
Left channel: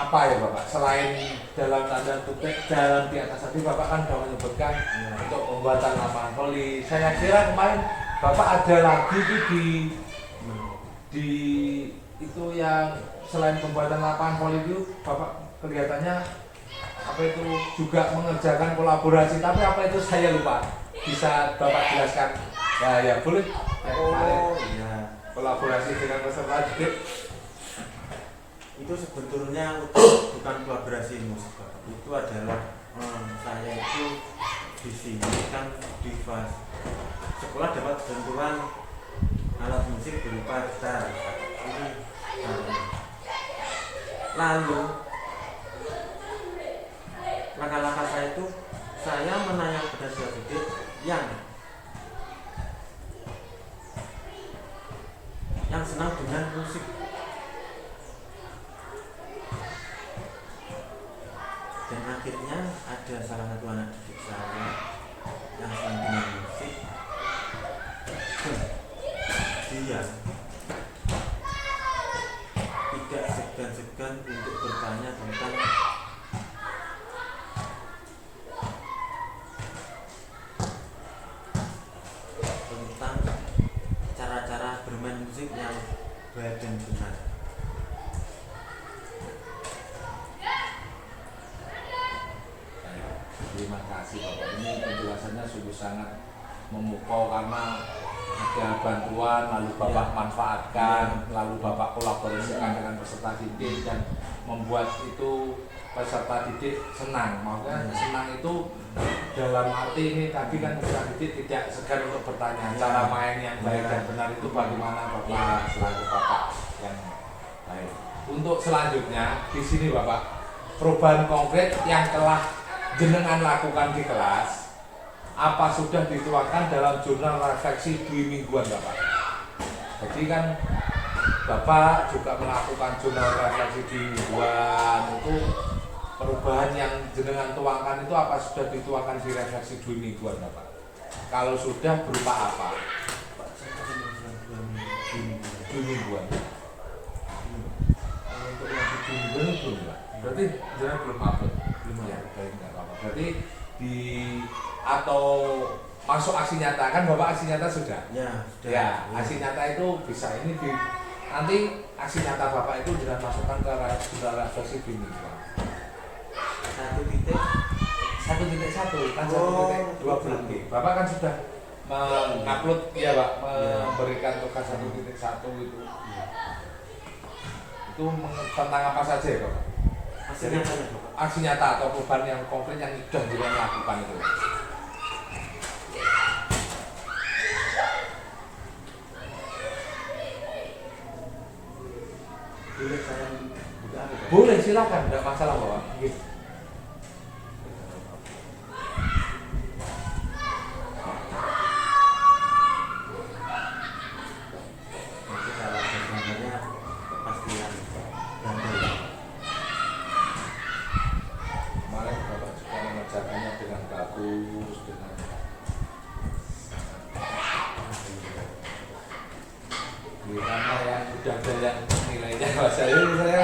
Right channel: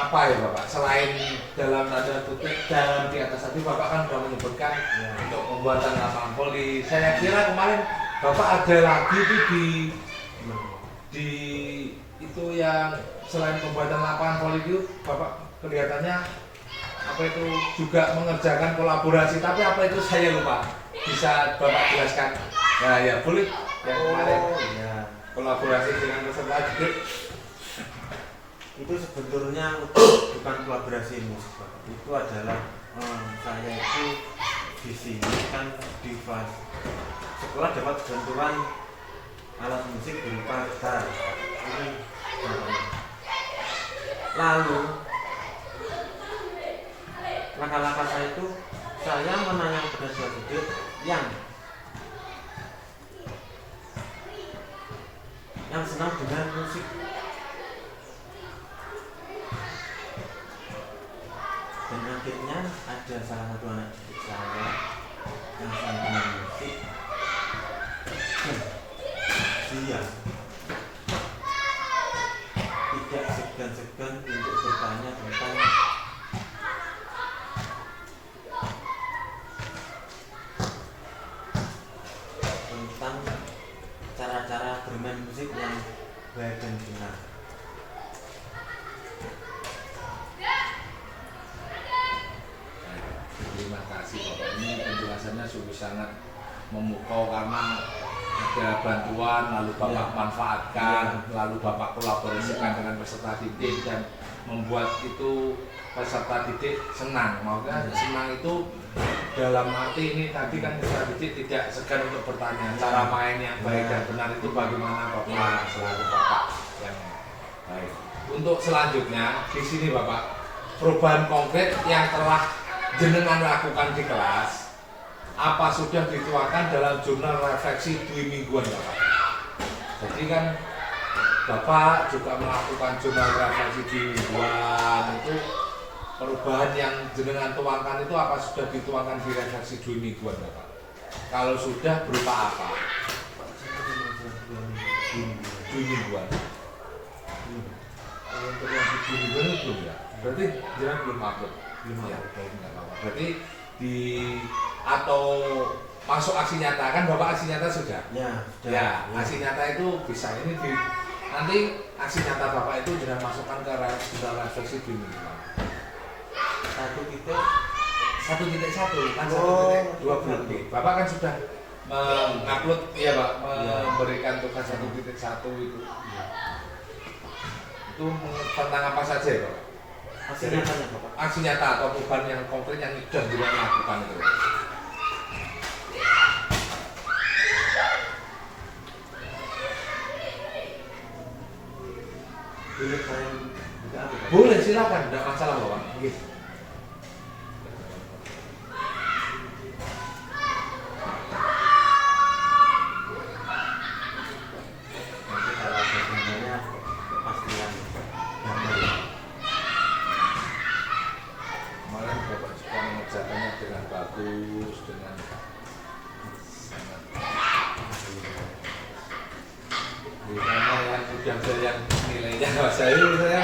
apa ya Bapak? Selain dalam tanda kutip dalam di atas tadi Bapak kan sudah menyebutkan untuk pembuatan lapangan voli. Saya kira kemarin Bapak ada lagi itu di itu yang selain pembuatan lapangan voli itu Bapak kelihatannya apa itu juga mengerjakan kolaborasi, tapi apa itu saya lupa. Bisa Bapak jelaskan? Ya boleh. Yang kemarin Ya. kolaborasi dengan peserta didik. Itu sebetulnya bukan kolaborasi musik Bapak. Itu adalah saya itu di sini kan di sekolah dapat bantuan alat musik berupa gitar. Ini contohnya. Lalu langkah-langkah saya itu saya menanyakan pada siswa didik yang senang dengan musik. Dan akhirnya ada salah satu anak didik saya yang senang dengan musik. Dia tidak segan-segan untuk bertanya tentang cara-cara bermain musik yang baik dan benar. Terima kasih Bapak. Ini penjelasannya sungguh sangat memukau karena ada bantuan lalu Bapak manfaatkan, lalu Bapak kolaborasikan dengan peserta didik dan membuat itu peserta didik senang. Maksudnya senang itu dalam arti ini tadi kan peserta didik tidak segan untuk bertanya cara main yang baik dan benar itu bagaimana Bapak selaku Bapak yang baik. Untuk selanjutnya di sini Bapak perubahan konkret yang telah jenengan lakukan di kelas apa sudah dituangkan dalam jurnal refleksi 2 mingguan Bapak. Jadi kan Bapak juga melakukan jurnal refleksi 2 mingguan itu perubahan yang jenengan tuangkan itu apa sudah dituangkan di refleksi 2 mingguan Bapak? Kalau sudah berupa apa? 2 mingguan. Untuk yang di 2 mingguan belum ya? Berarti jenengan belum upload? Belum ya, belum nggak apa-apa. Berarti atau masuk aksi nyata, kan Bapak aksi nyata sudah? Ya, sudah. Ya, aksi nyata itu bisa ini nanti aksi nyata Bapak itu dengan masukkan ke refleksi ini. 1.1 kan 1.2 berarti. Bapak kan sudah mengupload ya Pak, memberikan tugas 1.1 itu. Ya. Itu tentang apa saja ya Pak? Aksi nyatanya, Bapak. Aksi nyata atau perubahan yang konkret yang sudah dilakukan itu. Boleh saya buka apa, Pak? Boleh, silakan, tidak masalah Bapak. Gitu. Nanti kalau gambarnya kepastian gambar. Kemarin Bapak juga mengerjakannya dengan bagus, dengan karena yang udah ada yang nilainya saya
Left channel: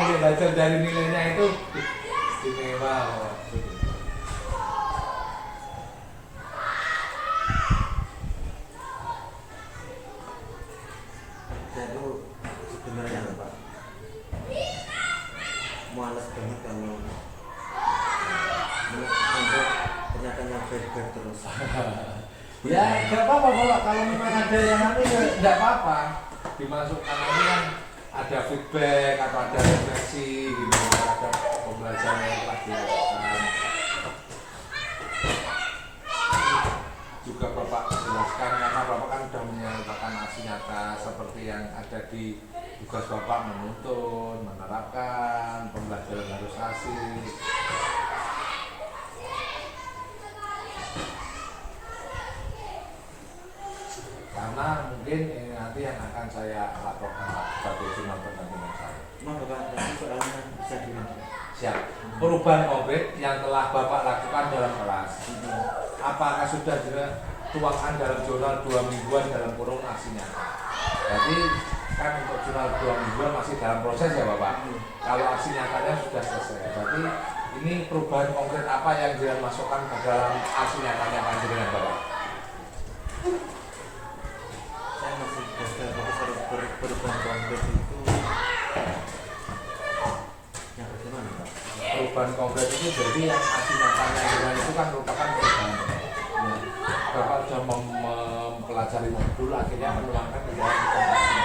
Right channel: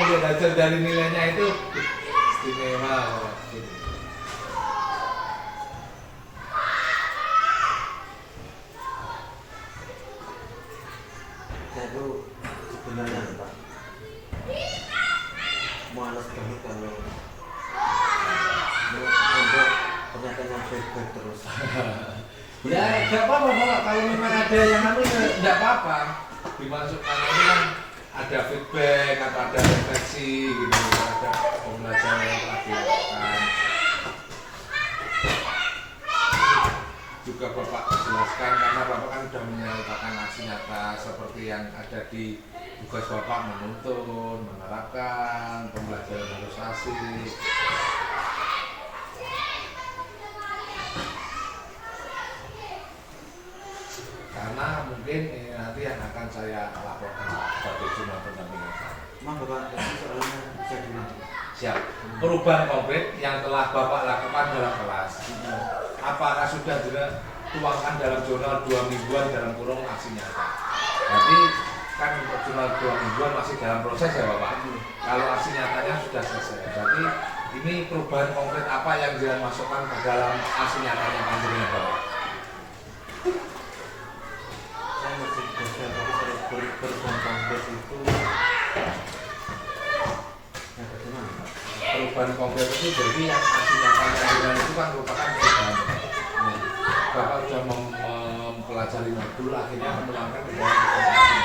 belajar dari nilainya itu istimewa Bapak. Saya itu sebenarnya Pak males banget kalau untuk pernyataan yang baik-baik terus. Ya nggak apa-apa Bapak, kalau memang ada yang anu ya nggak apa-apa, dimasukkan nanti kan ada feedback atau ada refleksi gitu, ada pembelajaran yang telah dilakukan. Juga Bapak jelaskan karena Bapak kan sudah menyelesaikan aksi nyata seperti yang ada di tugas Bapak, menuntun, menerapkan, pembelajaran harus asik. Karena mungkin ini nanti yang akan saya laporkan sebagai jurnal pendampingan saya. Maaf Bapak, tadi soalnya bisa dilanjut. Siap. Perubahan konkret yang telah Bapak lakukan dalam kelas, apakah sudah dituangkan dalam jurnal 2 mingguan dalam kurung aksi nyata? Jadi kan untuk jurnal 2 mingguan masih dalam proses ya Bapak. Kalau aksi nyatanya sudah selesai. Jadi ini perubahan konkret apa yang dia masukkan ke dalam aksi nyatanya panjenengan Bapak? Saya masih gagal, tapi harus perubahan konkret itu yang bagaimana Pak? Perubahan konkret itu jadi yang aksi nyatanya dengan itu kan merupakan perubahan. Ya. Bapak sudah mempelajari modul, akhirnya menuangkan ke dalam aksi.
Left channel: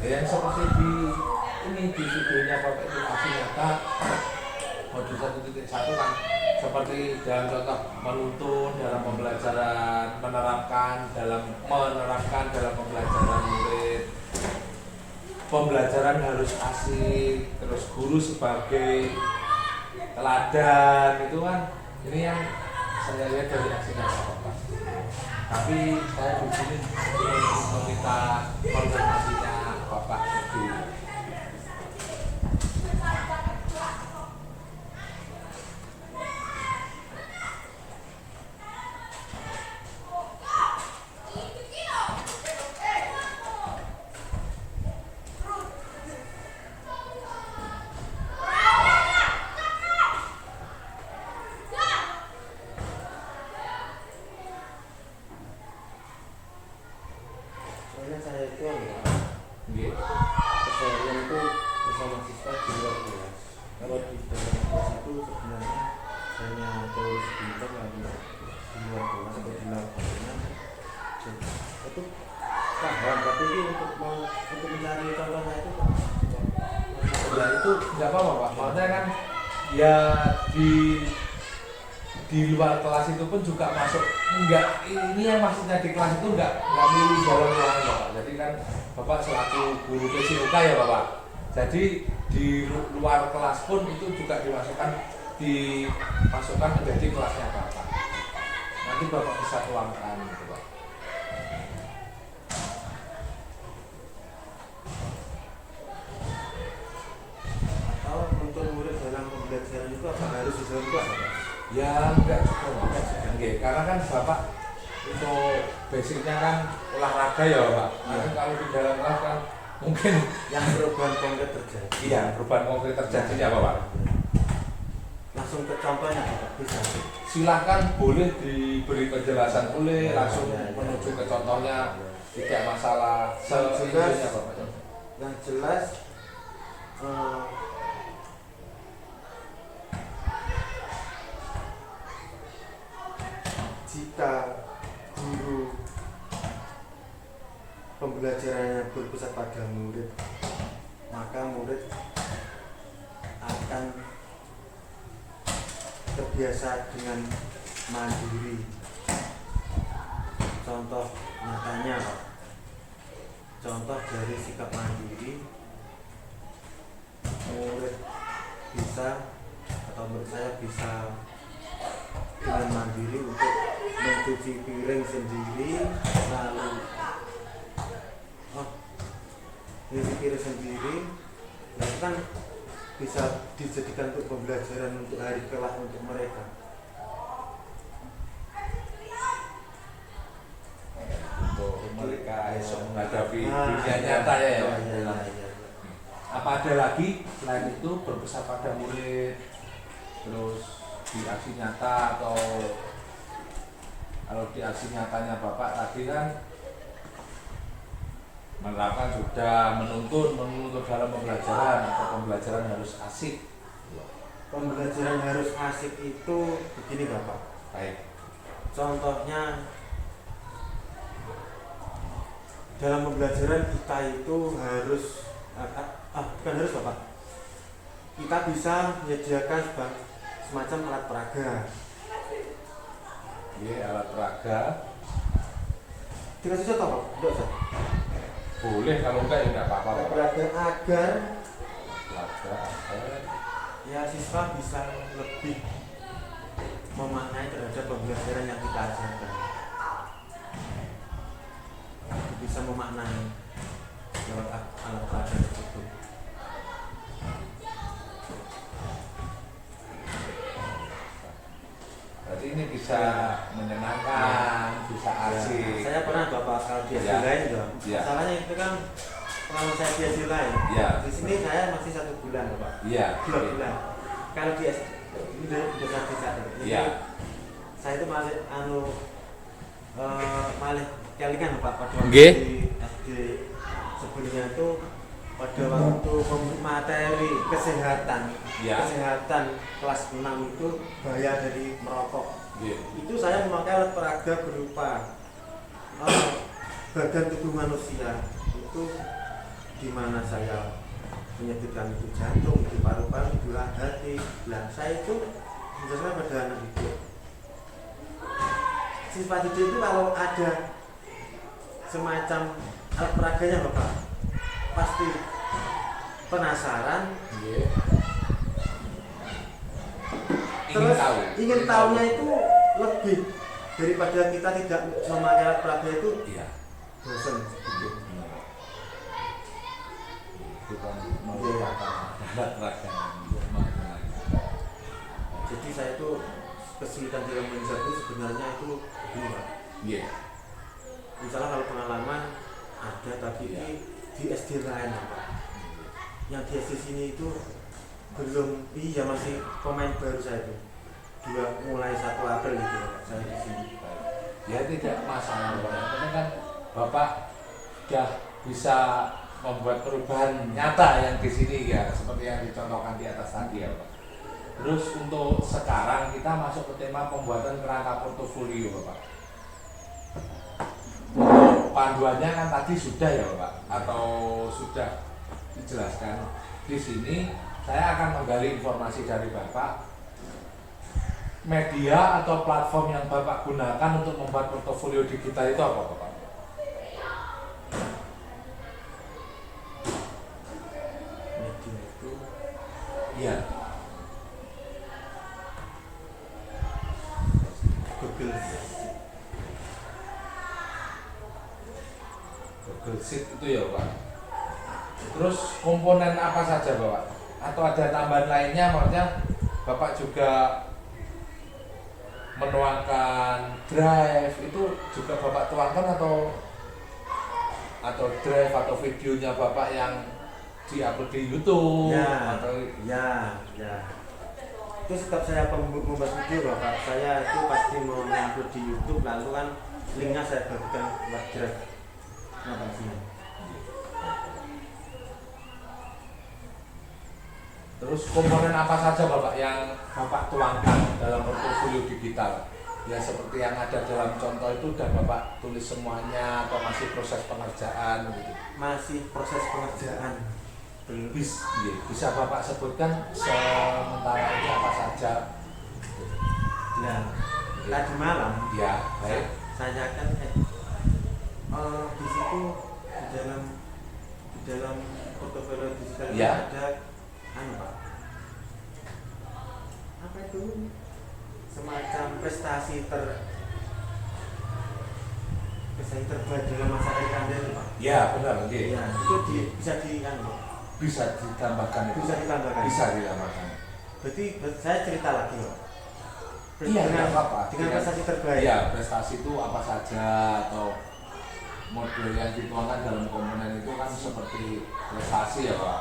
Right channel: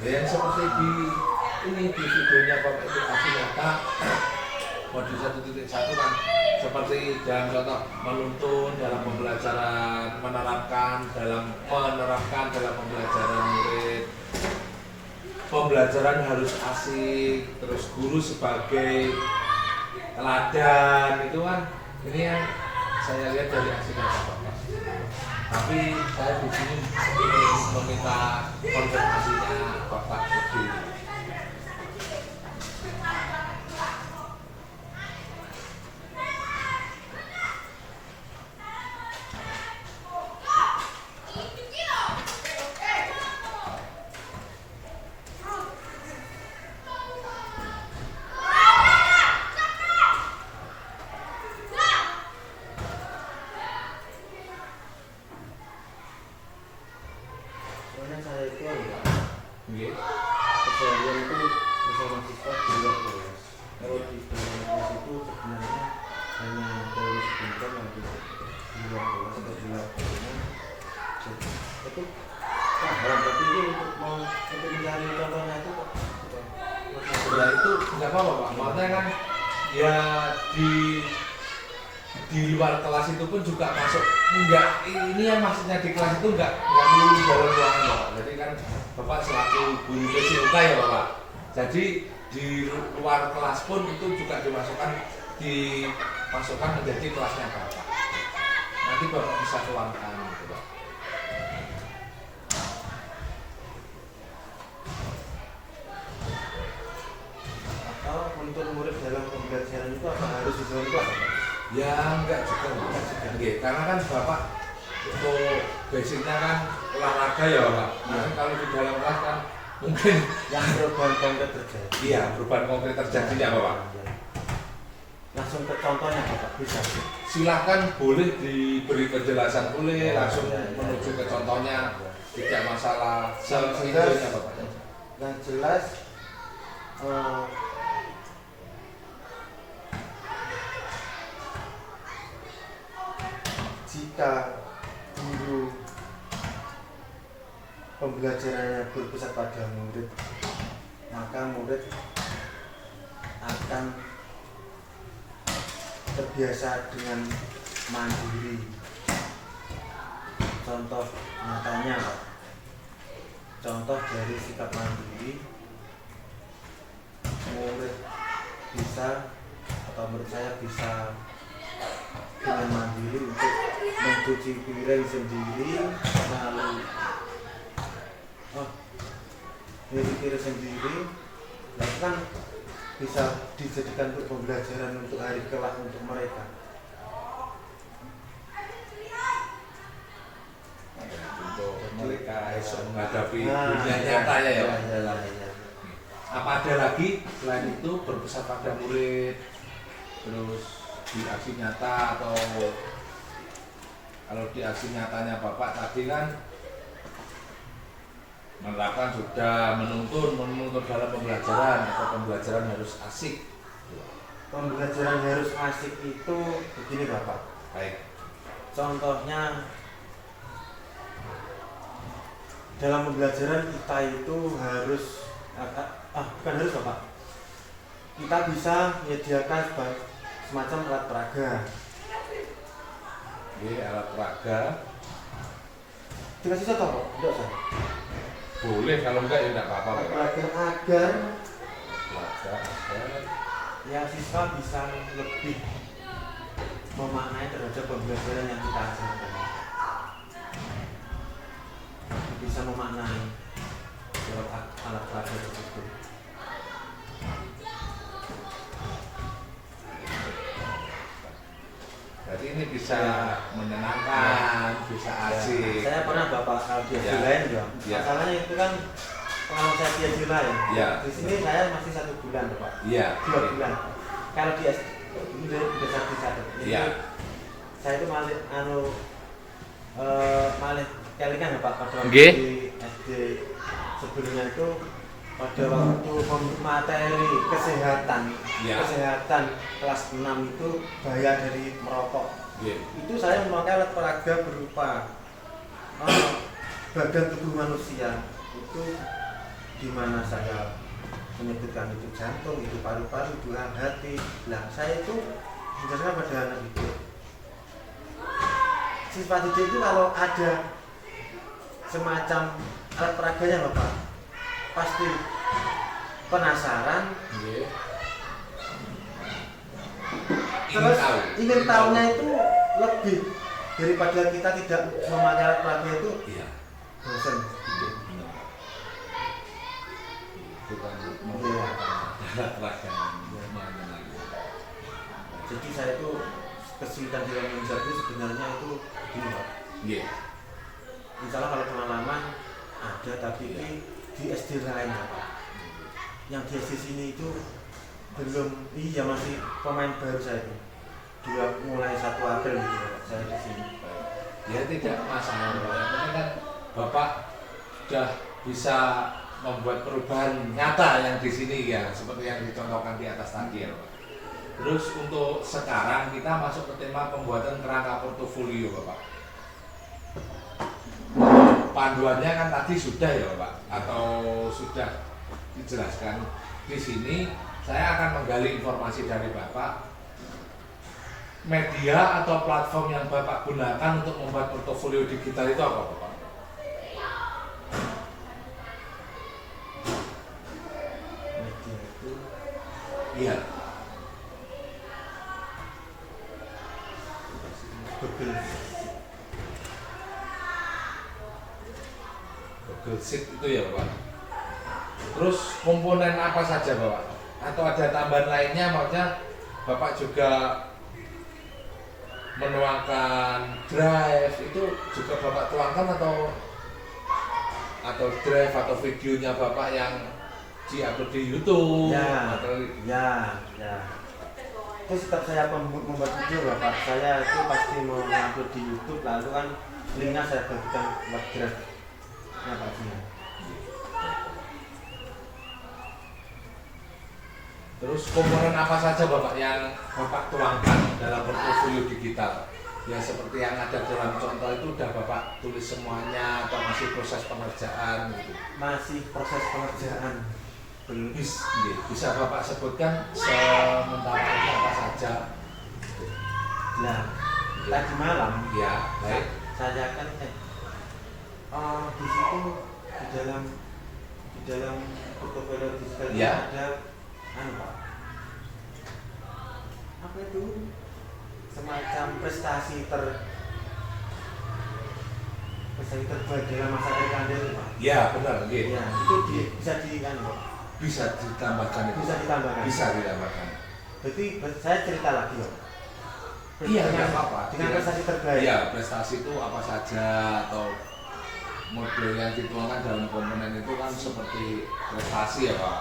Ya, yang seperti di videonya Bapak itu aksi nyata modul 1.1 kan seperti dalam contoh menuntun dalam pembelajaran, menerapkan dalam pembelajaran murid. Pembelajaran harus asik, terus guru sebagai teladan itu kan ini yang saya lihat dari aksi nyata Bapak. Tapi saya di sini ingin meminta konfirmasinya Bapak sendiri. Soalnya saya itu enggak Nggih. keseharian itu bersama siswa di luar kelas. Kalau di dalam kelas itu sebenarnya hanya teori sebentar lagi di luar kelas atau di lapangan itu paham, tapi itu untuk mencari contohnya itu Pak. Ya itu nggak apa-apa Pak, maksudnya kan ya di luar kelas itu pun juga masuk, enggak, ini yang maksudnya di kelas itu enggak melulu dalam ruangan Bapak. Jadi kan Bapak selaku guru PCUK ya Bapak, jadi di luar kelas pun itu juga dimasukkan menjadi kelasnya Bapak. Nanti Bapak bisa tuangkan gitu Pak. Atau untuk murid dalam pembelajaran itu apa harus di dalam kelas Pak? Ya enggak juga Pak. Oke, karena kan Bapak untuk basicnya kan olahraga ya Bapak. Nanti kalau di dalam kelas kan mungkin Yang perubahan konkret terjadi. iya perubahan konkret terjadi ya Bapak. Nah langsung ke contohnya Bapak bisa. Silahkan boleh diberi penjelasan boleh langsung Ya. menuju ke contohnya, tidak masalah. Yang Seintinya, Bapak. Yang jelas jika guru pembelajarannya berpusat pada murid, maka murid akan terbiasa dengan mandiri. Contoh nyatanya Pak, contoh dari sikap mandiri, murid bisa atau murid saya bisa dengan mandiri untuk mencuci piring sendiri, lalu mencuci piring sendiri, nah kan bisa dijadikan untuk pembelajaran untuk hari kelak untuk mereka. Untuk mereka bisa menghadapi Nah, dunia iya, nyata ya. iya, Pak? iya, iya. Apa ada lagi selain itu berpesan pada murid, terus di aksi nyata, atau kalau di aksi nyatanya Bapak tadi kan menerapkan sudah menuntun dalam pembelajaran, atau pembelajaran harus asik. Pembelajaran harus asik itu begini Bapak. Baik. Contohnya dalam pembelajaran kita itu harus bukan harus Bapak. Kita bisa menyediakan semacam alat peraga. Oke, alat peraga. Dikasih contoh Pak? Tidak usah. Boleh, kalau enggak ya enggak apa-apa. Alat Pak. peraga agar Peraga, agar ya siswa bisa lebih memaknai terhadap pembelajaran yang kita ajarkan. Bisa memaknai lewat alat peraga tersebut. berarti ini bisa menyenangkan, bisa asik. Saya pernah Bapak kalau dia Ya. lain juga. Ya. Masalahnya itu kan pengalaman saya dia lain. Ya. Di sini saya masih 1 bulan Bapak. Iya. 2 bulan. Kalau dia ini udah satu. Iya. Saya itu malah malah kelingan Bapak pada waktu Nggih. di SD sebelumnya itu pada waktu materi kesehatan, Ya. kesehatan kelas 6 itu bahaya dari merokok. Iya. Itu saya memakai alat peraga berupa badan tubuh manusia itu di mana saya menyebutkan itu jantung, itu paru-paru, dua hati. Nah, saya itu menjelaskan pada anak didik. Siswa didik itu kalau ada semacam alat peraganya loh Pak, pasti penasaran, Iya. terus ingin tahunya tahu. itu lebih daripada kita tidak memakai alat peraga itu Iya. bosan gitu. Itu kan mau Iya. alat peraga. Jadi saya itu kesulitan dalam menjawab itu sebenarnya itu begini Pak. Iya. Misalnya kalau pengalaman ada tapi di SD lain Pak. Yang di SD sini itu belum, iya masih pemain baru saya itu. Mulai 1 April gitu Pak, saya di sini. Ya tidak masalah, Pak. Yang penting kan Bapak sudah bisa membuat perubahan nyata yang di sini ya, seperti yang dicontohkan di atas tadi ya, Pak. Terus untuk sekarang kita masuk ke tema pembuatan kerangka portofolio, Bapak. Panduannya kan tadi sudah ya, Bapak, atau sudah dijelaskan di sini. Saya akan menggali informasi dari Bapak. Media atau platform yang Bapak gunakan untuk membuat portofolio digital itu apa, Bapak? Media itu Iya. Google. Google Sheet itu ya, Bapak. Terus komponen apa saja, Bapak? Atau ada tambahan lainnya, maksudnya Bapak juga menuangkan drive itu juga Bapak tuangkan, atau drive atau videonya Bapak yang diupload di YouTube Ya, atau ya. itu setiap saya membuat video Bapak, saya itu pasti mau upload di YouTube, lalu kan linknya saya bagikan lewat Grab. Nah, Pak Jina. Terus komponen apa saja Bapak yang Bapak tuangkan dalam portofolio digital? Ya seperti yang ada dalam contoh itu udah Bapak tulis semuanya atau masih proses pengerjaan gitu? Masih proses pengerjaan. Bisa Bapak sebutkan sementara ini apa saja? Nah, tadi malam Ya, baik. saya kan di situ di dalam portofolio digital itu Ya. ada Pak, apa itu semacam prestasi terbaik dalam masa karir Anda itu Pak. Ya, benar, oke. Ya, itu bisa Pak. Bisa ditambahkan itu. Bisa ditambahkan. Bisa ditambahkan. Berarti saya cerita lagi Pak. Iya, dengan, nggak apa-apa. dengan prestasi terbaik. Iya, prestasi itu apa saja atau model yang dituangkan dalam komponen itu kan seperti prestasi ya Pak.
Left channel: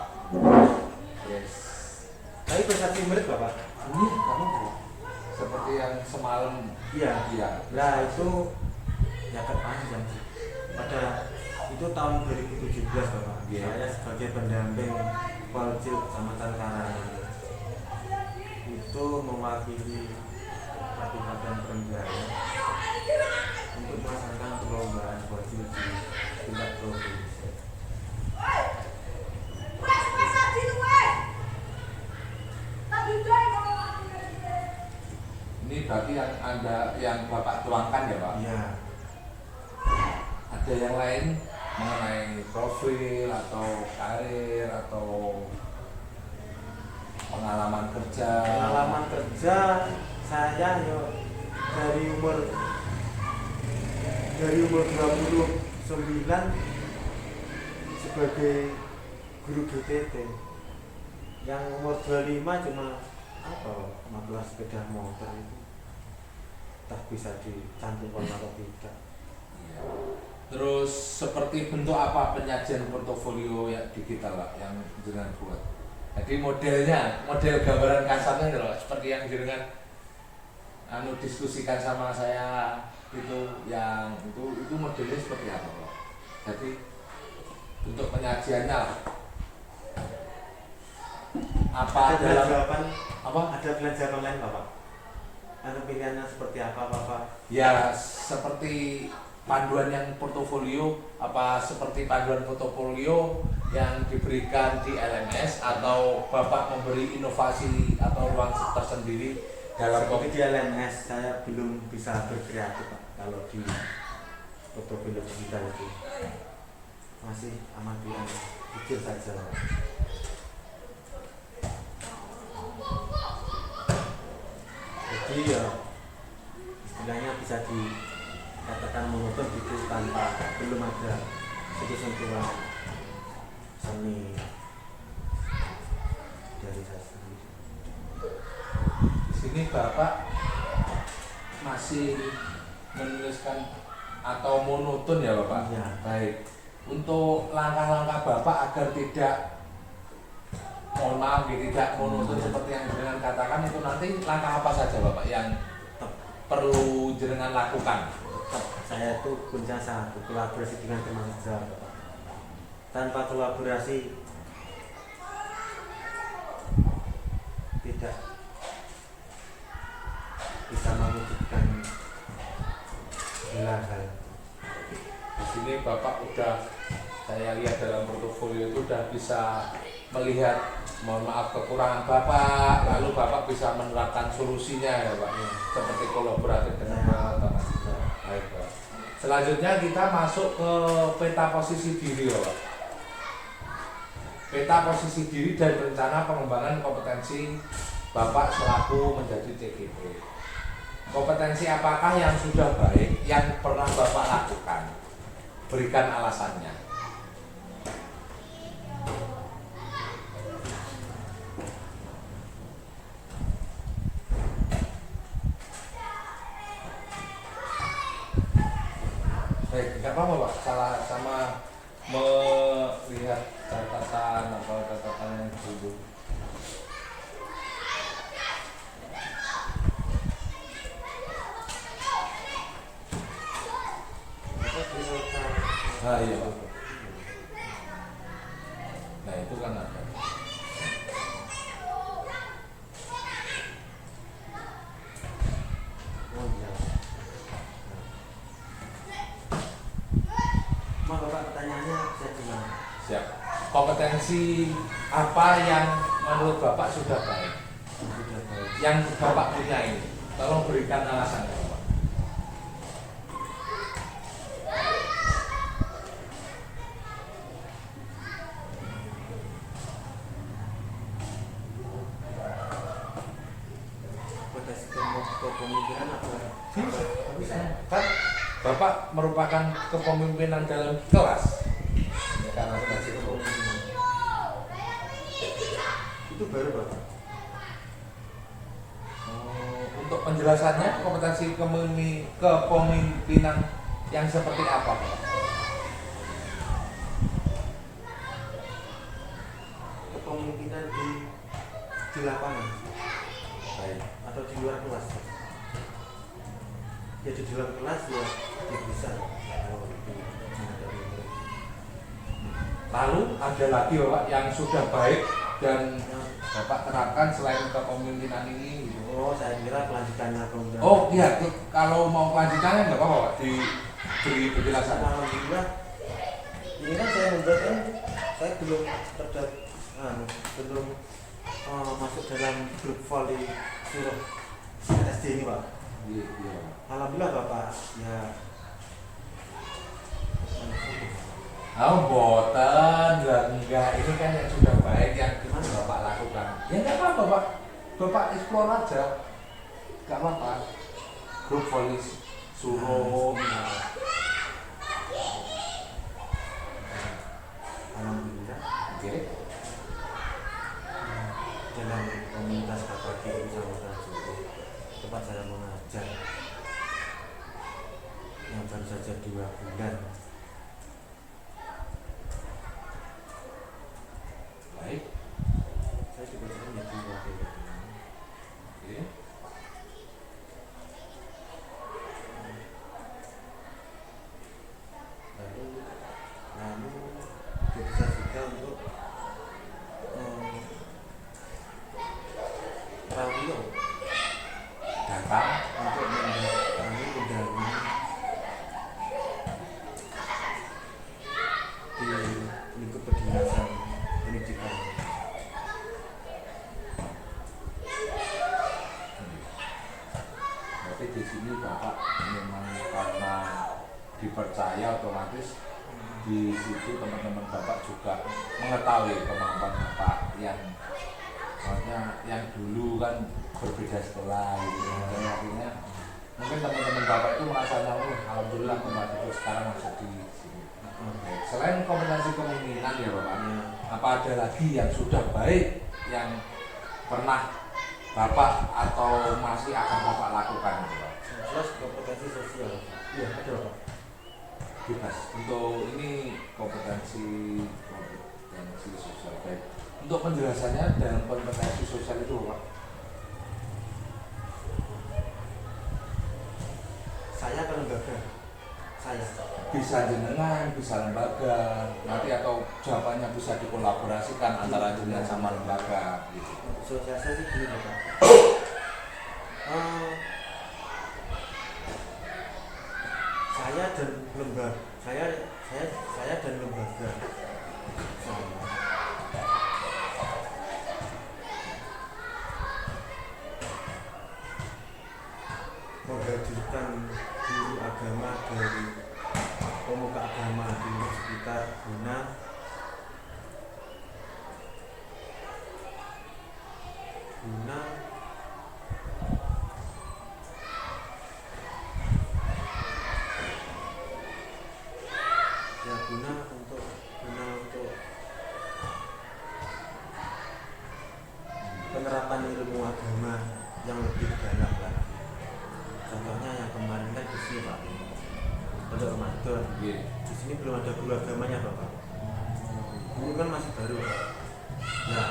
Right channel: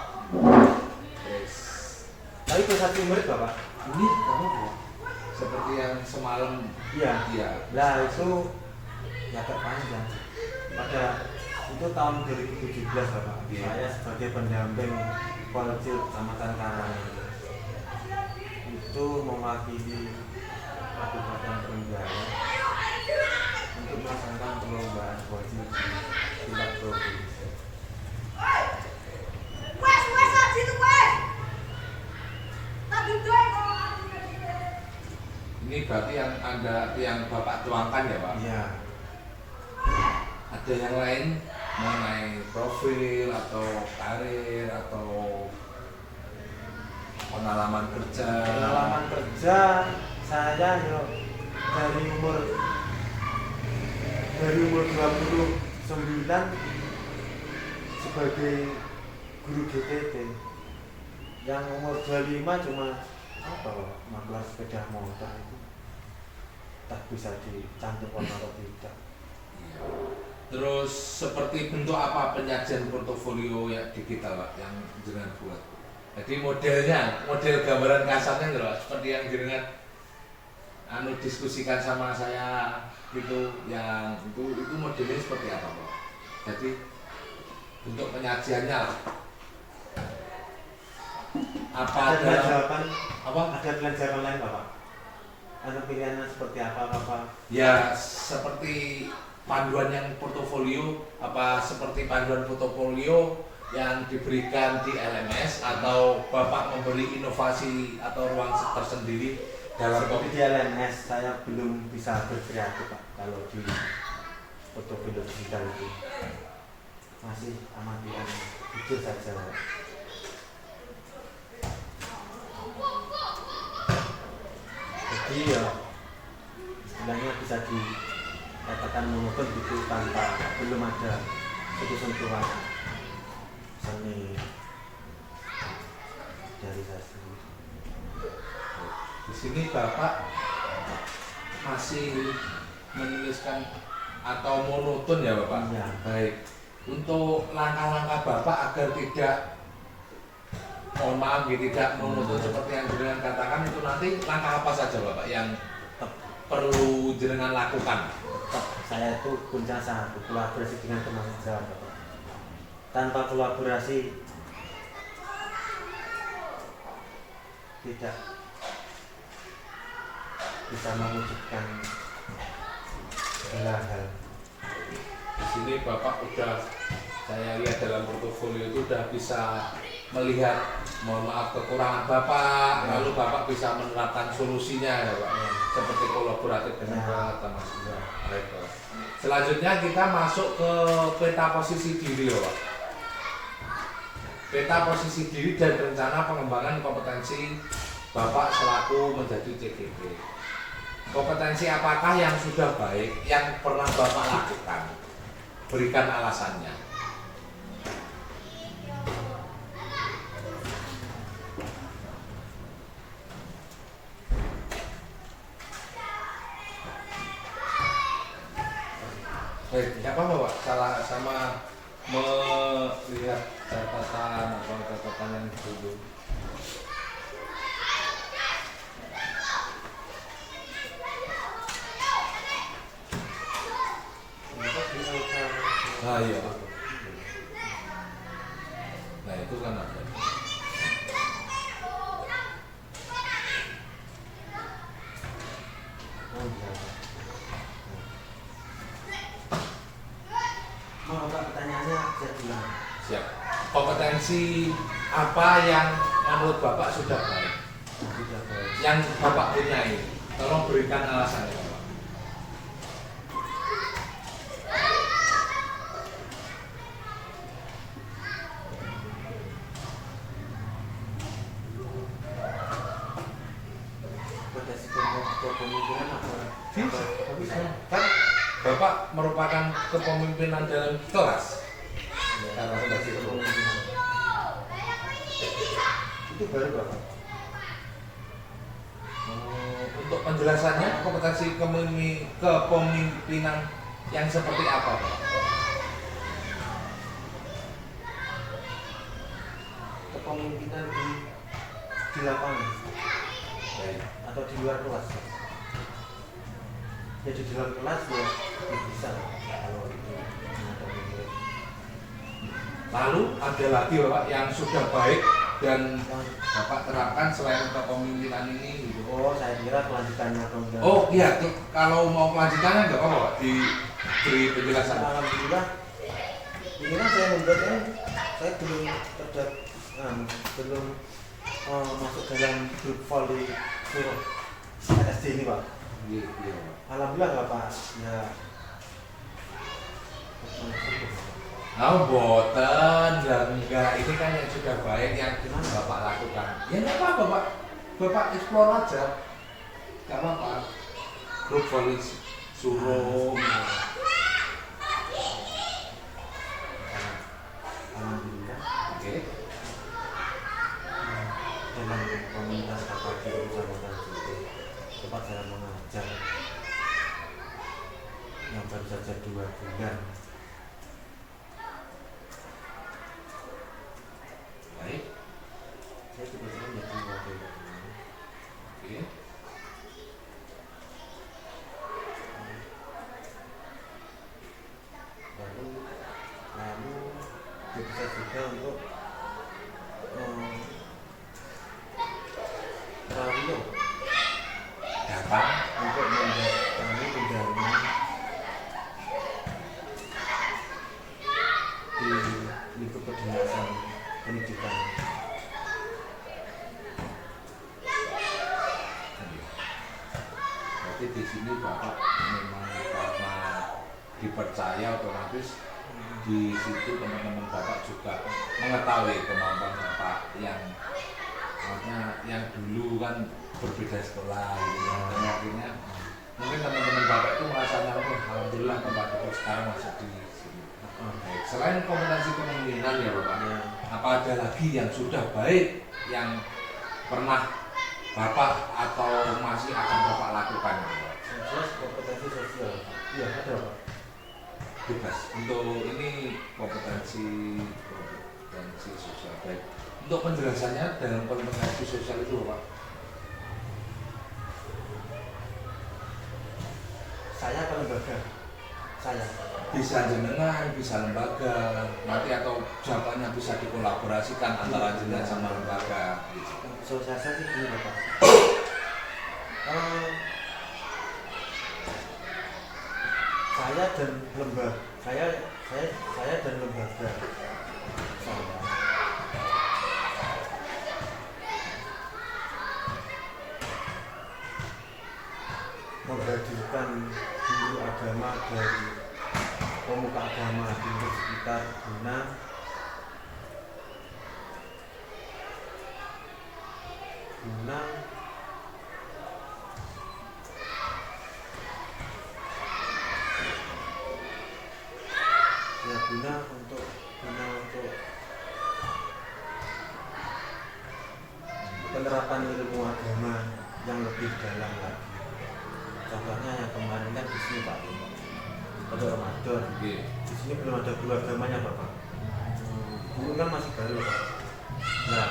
Tapi prestasi murid Bapak. Ini kamu seperti yang semalam. Iya. Iya. Nah itu ya terpanjang sih. Pada itu tahun 2017 Bapak. Iya. Saya sebagai pendamping Polcil Kecamatan Karangan itu mewakili Kabupaten Trenggalek untuk melaksanakan perlombaan Polcil di tingkat provinsi. Ini berarti yang Bapak tuangkan ya Pak? Iya. Ada yang lain mengenai profil atau karir atau pengalaman kerja? Pengalaman kerja saya dari umur 29 sebagai guru GTT, yang umur 25 cuma apa Pak, magelar sepeda motor itu tak bisa dicantumkan atau tidak. Terus seperti bentuk apa penyajian portofolio yang digital Pak yang jenengan buat? Jadi model gambaran kasarnya gitu, seperti yang jenengan diskusikan sama saya itu, yang itu modelnya seperti apa Pak? Jadi bentuk penyajiannya lah. Apa Ada dalam jawaban apa? Ada jawaban lain Bapak? Ada pilihannya seperti apa Bapak? Ya seperti panduan yang portofolio, apa seperti panduan portofolio yang diberikan di LMS, atau Bapak memberi inovasi atau ruang tersendiri dalam Seperti di LMS saya belum bisa berkreatif Pak. Kalau di portofolio digital itu masih amatiran, jujur saja Pak. Jadi ya istilahnya bisa dikatakan monoton gitu, tanpa belum ada sentuhan seni dari saya sendiri. di sini Bapak masih menuliskan atau monoton ya Bapak? Iya. Baik. Untuk langkah-langkah Bapak agar tidak, mohon maaf, tidak monoton seperti yang jenengan katakan, itu nanti langkah apa saja Bapak yang perlu jenengan lakukan? Tetap saya itu punya satu, kolaborasi dengan teman sejawat Bapak. Tanpa kolaborasi tidak bisa mewujudkan segala hal. Di sini Bapak udah, saya lihat dalam portofolio itu udah bisa melihat, mohon maaf, kekurangan Bapak, lalu Bapak bisa menerapkan solusinya ya Pak, seperti kolaboratif dengan teman sejawat. Baik Pak. Selanjutnya kita masuk ke peta posisi diri ya Pak. Peta posisi diri dan rencana pengembangan kompetensi Bapak selaku menjadi CGP. Kompetensi apakah yang sudah baik yang pernah Bapak lakukan? Berikan alasannya. Baik, tidak apa-apa Pak, salah sama melihat catatan yang dulu. Nah iya. Nah itu kan ada. Oh iya. Mau Bapak pertanyaannya saya gimana? Siap. Kompetensi apa yang menurut Bapak sudah baik? Sudah baik. Yang Bapak punya ini, tolong berikan alasannya Bapak. Potensi kepemimpinan apa? Bisa. Kan Bapak merupakan kepemimpinan dalam kelas. Karena kompetensi kepemimpinan. Itu baru Bapak. Untuk penjelasannya kompetensi kepemimpinan yang seperti apa Pak? Kepemimpinan di lapangan atau di luar kelas. Ya di dalam kelas ya bisa kalau itu menghadapi murid. Lalu ada lagi Bapak yang sudah baik dan Bapak terapkan selain kepemimpinan ini gitu. Oh, saya kira kelanjutannya atau enggak. Oh iya, kalau mau kelanjutannya nggak apa-apa Pak, diberi penjelasan. Alhamdulillah. Ini kan saya membuatnya, saya belum belum masuk dalam grup volley suruh SD ini Pak. Iya, iya Pak. Alhamdulillah Bapak ya. Oh boten dan enggak, ini kan yang sudah baik yang Bapak lakukan. Ya nggak apa-apa Pak, Bapak explore aja, nggak apa-apa. Grup volley suruh. Alhamdulillah. Oke. Dalam komunitas Bapak di Kecamatan Suko, tempat saya mengajar yang baru saja 2 bulan. Baik. Saya tiba-tiba menjadi wakil ketua. Oke. Lalu bisa juga untuk radio Datang. untuk mendatangi pendalaman di lingkup kedinasan pendidikan. Berarti di sini Bapak memang karena dipercaya otomatis di situ teman-teman Bapak juga mengetahui kemampuan Bapak yang maksudnya yang dulu kan berbeda sekolah gitu ya. Dan akhirnya mungkin teman-teman Bapak itu merasa alhamdulillah tempatku sekarang masuk di sini. Baik. Selain kompetensi kepemimpinan ya Bapak, apa ada lagi yang sudah baik yang pernah Bapak atau masih akan Bapak lakukan Bapak? Yang jelas kompetensi sosial. Iya, ada Pak. Bebas. Untuk ini kompetensi sosial baik. Untuk penjelasannya dalam kompetensi sosial itu Pak? Saya ke lembaga. Saya. Bisa jenengan, bisa lembaga, nanti atau jawabannya bisa dikolaborasikan antara jenengan sama lembaga gitu. Sosialisasi dulu Bapak. Saya dan lembaga, saya dan lembaga sama. Menghadirkan guru agama dari pemuka agama di sekitar guna untuk penerapan ilmu agama yang lebih dalam lagi. Contohnya yang kemarin kan di sini Pak, untuk Ramadan. Di sini belum ada guru agamanya Bapak. Guru kan masih baru Pak. Nah,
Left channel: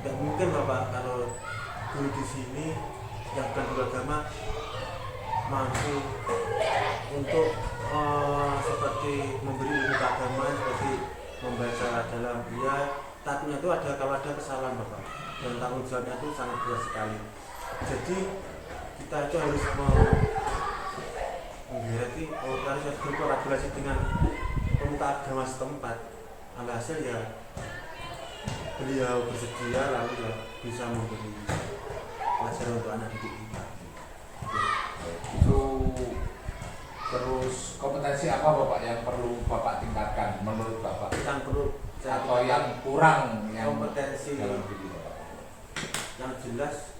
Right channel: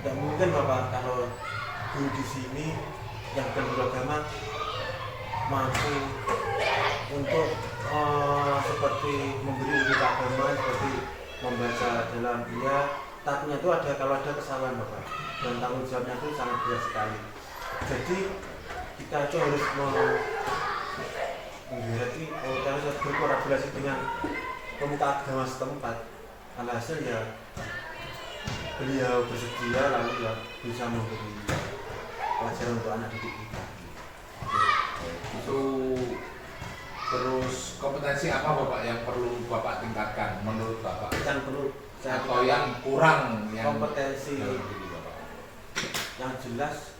tidak mungkin Bapak kalau guru di sini yang bukan guru agama mampu untuk seperti memberi ilmu agama, seperti membaca dalam dia, takutnya itu ada kalau ada kesalahan Bapak, dan tanggung jawabnya itu sangat berat sekali. Jadi kita itu harus menggerati, harus berkolaborasi dengan pemuka agama setempat. Alhasil ya beliau bersedia, lalu ya bisa memberi pelajaran untuk anak didik kita. Itu terus kompetensi apa Bapak yang perlu Bapak tingkatkan menurut Bapak? Yang perlu Atau yang kurang yang kompetensi dalam diri Bapak? yang jelas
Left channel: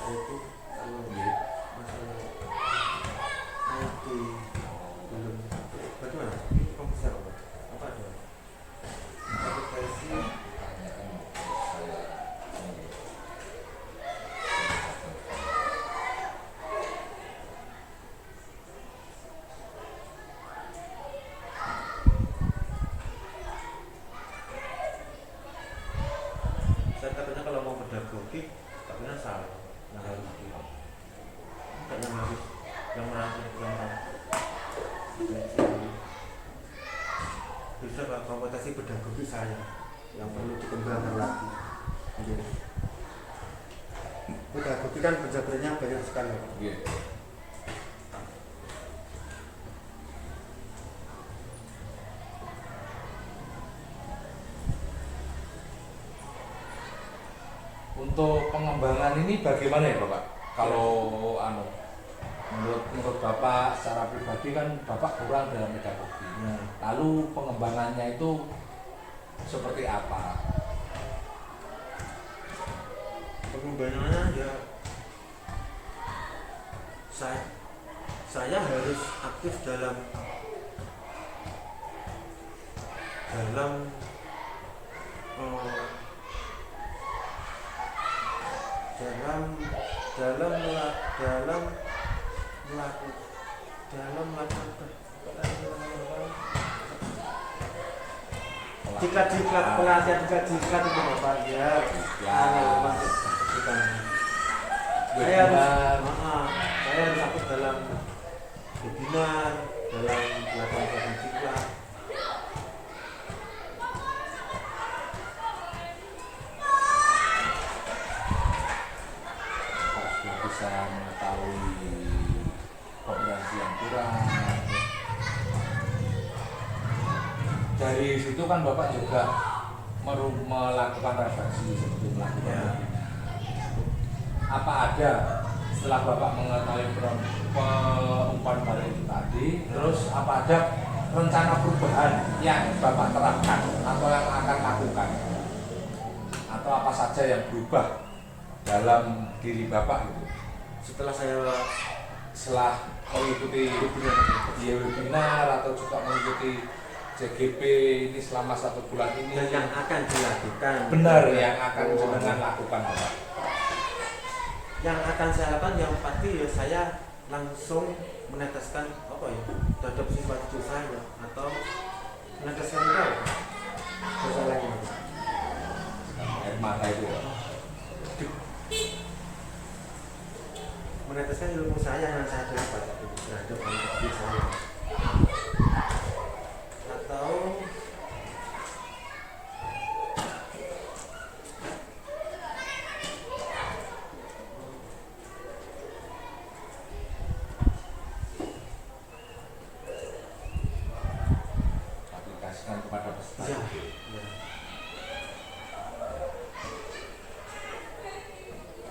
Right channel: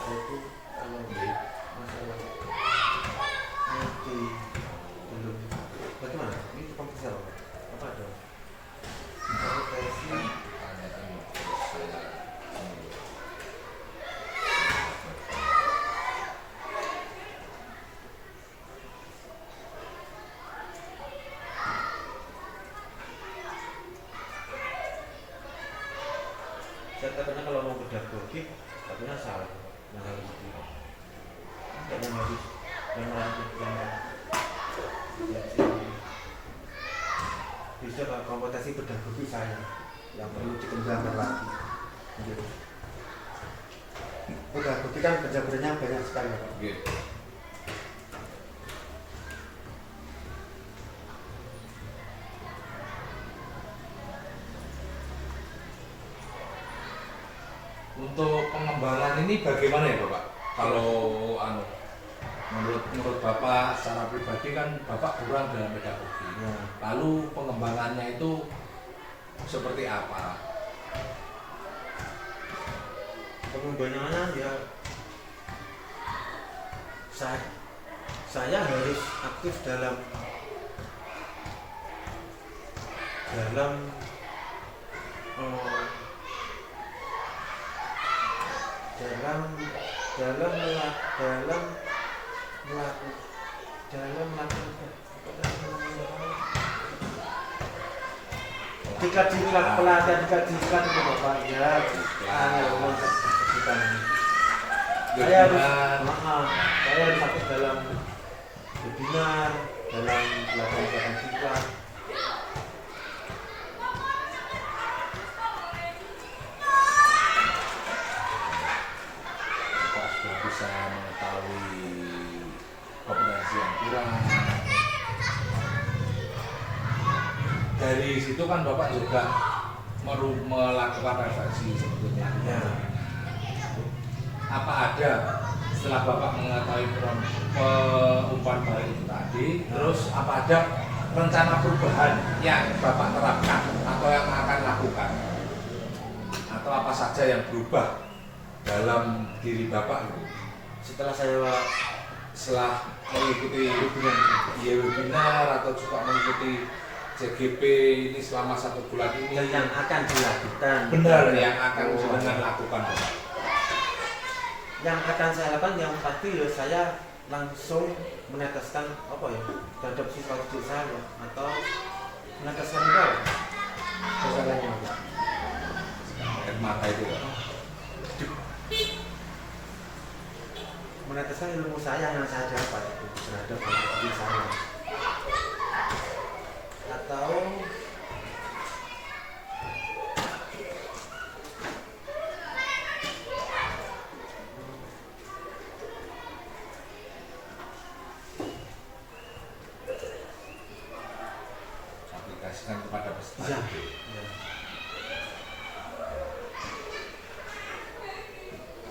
saya itu kalau masalah ngerti belum bagaimana itu kompetensi apa ada kompetensi Tanyakan terus saya. saya katanya kalau mau pedagogik katanya salah yang harus yang harus yang merangkul bisa Pak, kompetensi pedagogik saya yang perlu dikembangkan lagi. Gitu. Pedagogik kan penjabarannya banyak sekali Pak. Oke. Untuk pengembangan ini bagaimana ya Bapak? Kalau menurut Bapak secara pribadi kan Bapak kurang dalam pedagogi. Ya. Lalu pengembangannya itu seperti apa? Pengembangannya ya saya harus aktif dalam diklat pelatihan diklat itu Bapak ya. Saya harus aktif dalam webinar, dalam pelatihan diklat. Bapak sudah bisa mengetahui kompetensi yang kurang. Dari situ kan Bapak juga melakukan refleksi seperti melakukan Ya. Apa ada setelah Bapak mengetahui umpan balik itu tadi, terus apa ada rencana perubahan yang Bapak terapkan atau yang akan lakukan, atau apa saja yang berubah dalam diri Bapak gitu Setelah setelah mengikuti webinar atau juga mengikuti CGP ini selama 1 bulan ini, dan yang akan dilakukan. benar yang akan jenengan lakukan Bapak? Yang akan saya lakukan yang pasti ya saya langsung meneteskan apa ya terhadap sifat hidup saya atau meneteskan itu masalahnya Air mata itu ya. meneteskan ilmu saya yang saya dapat itu terhadap hidup saya atau Aplikasikan kepada peserta. ya, ya.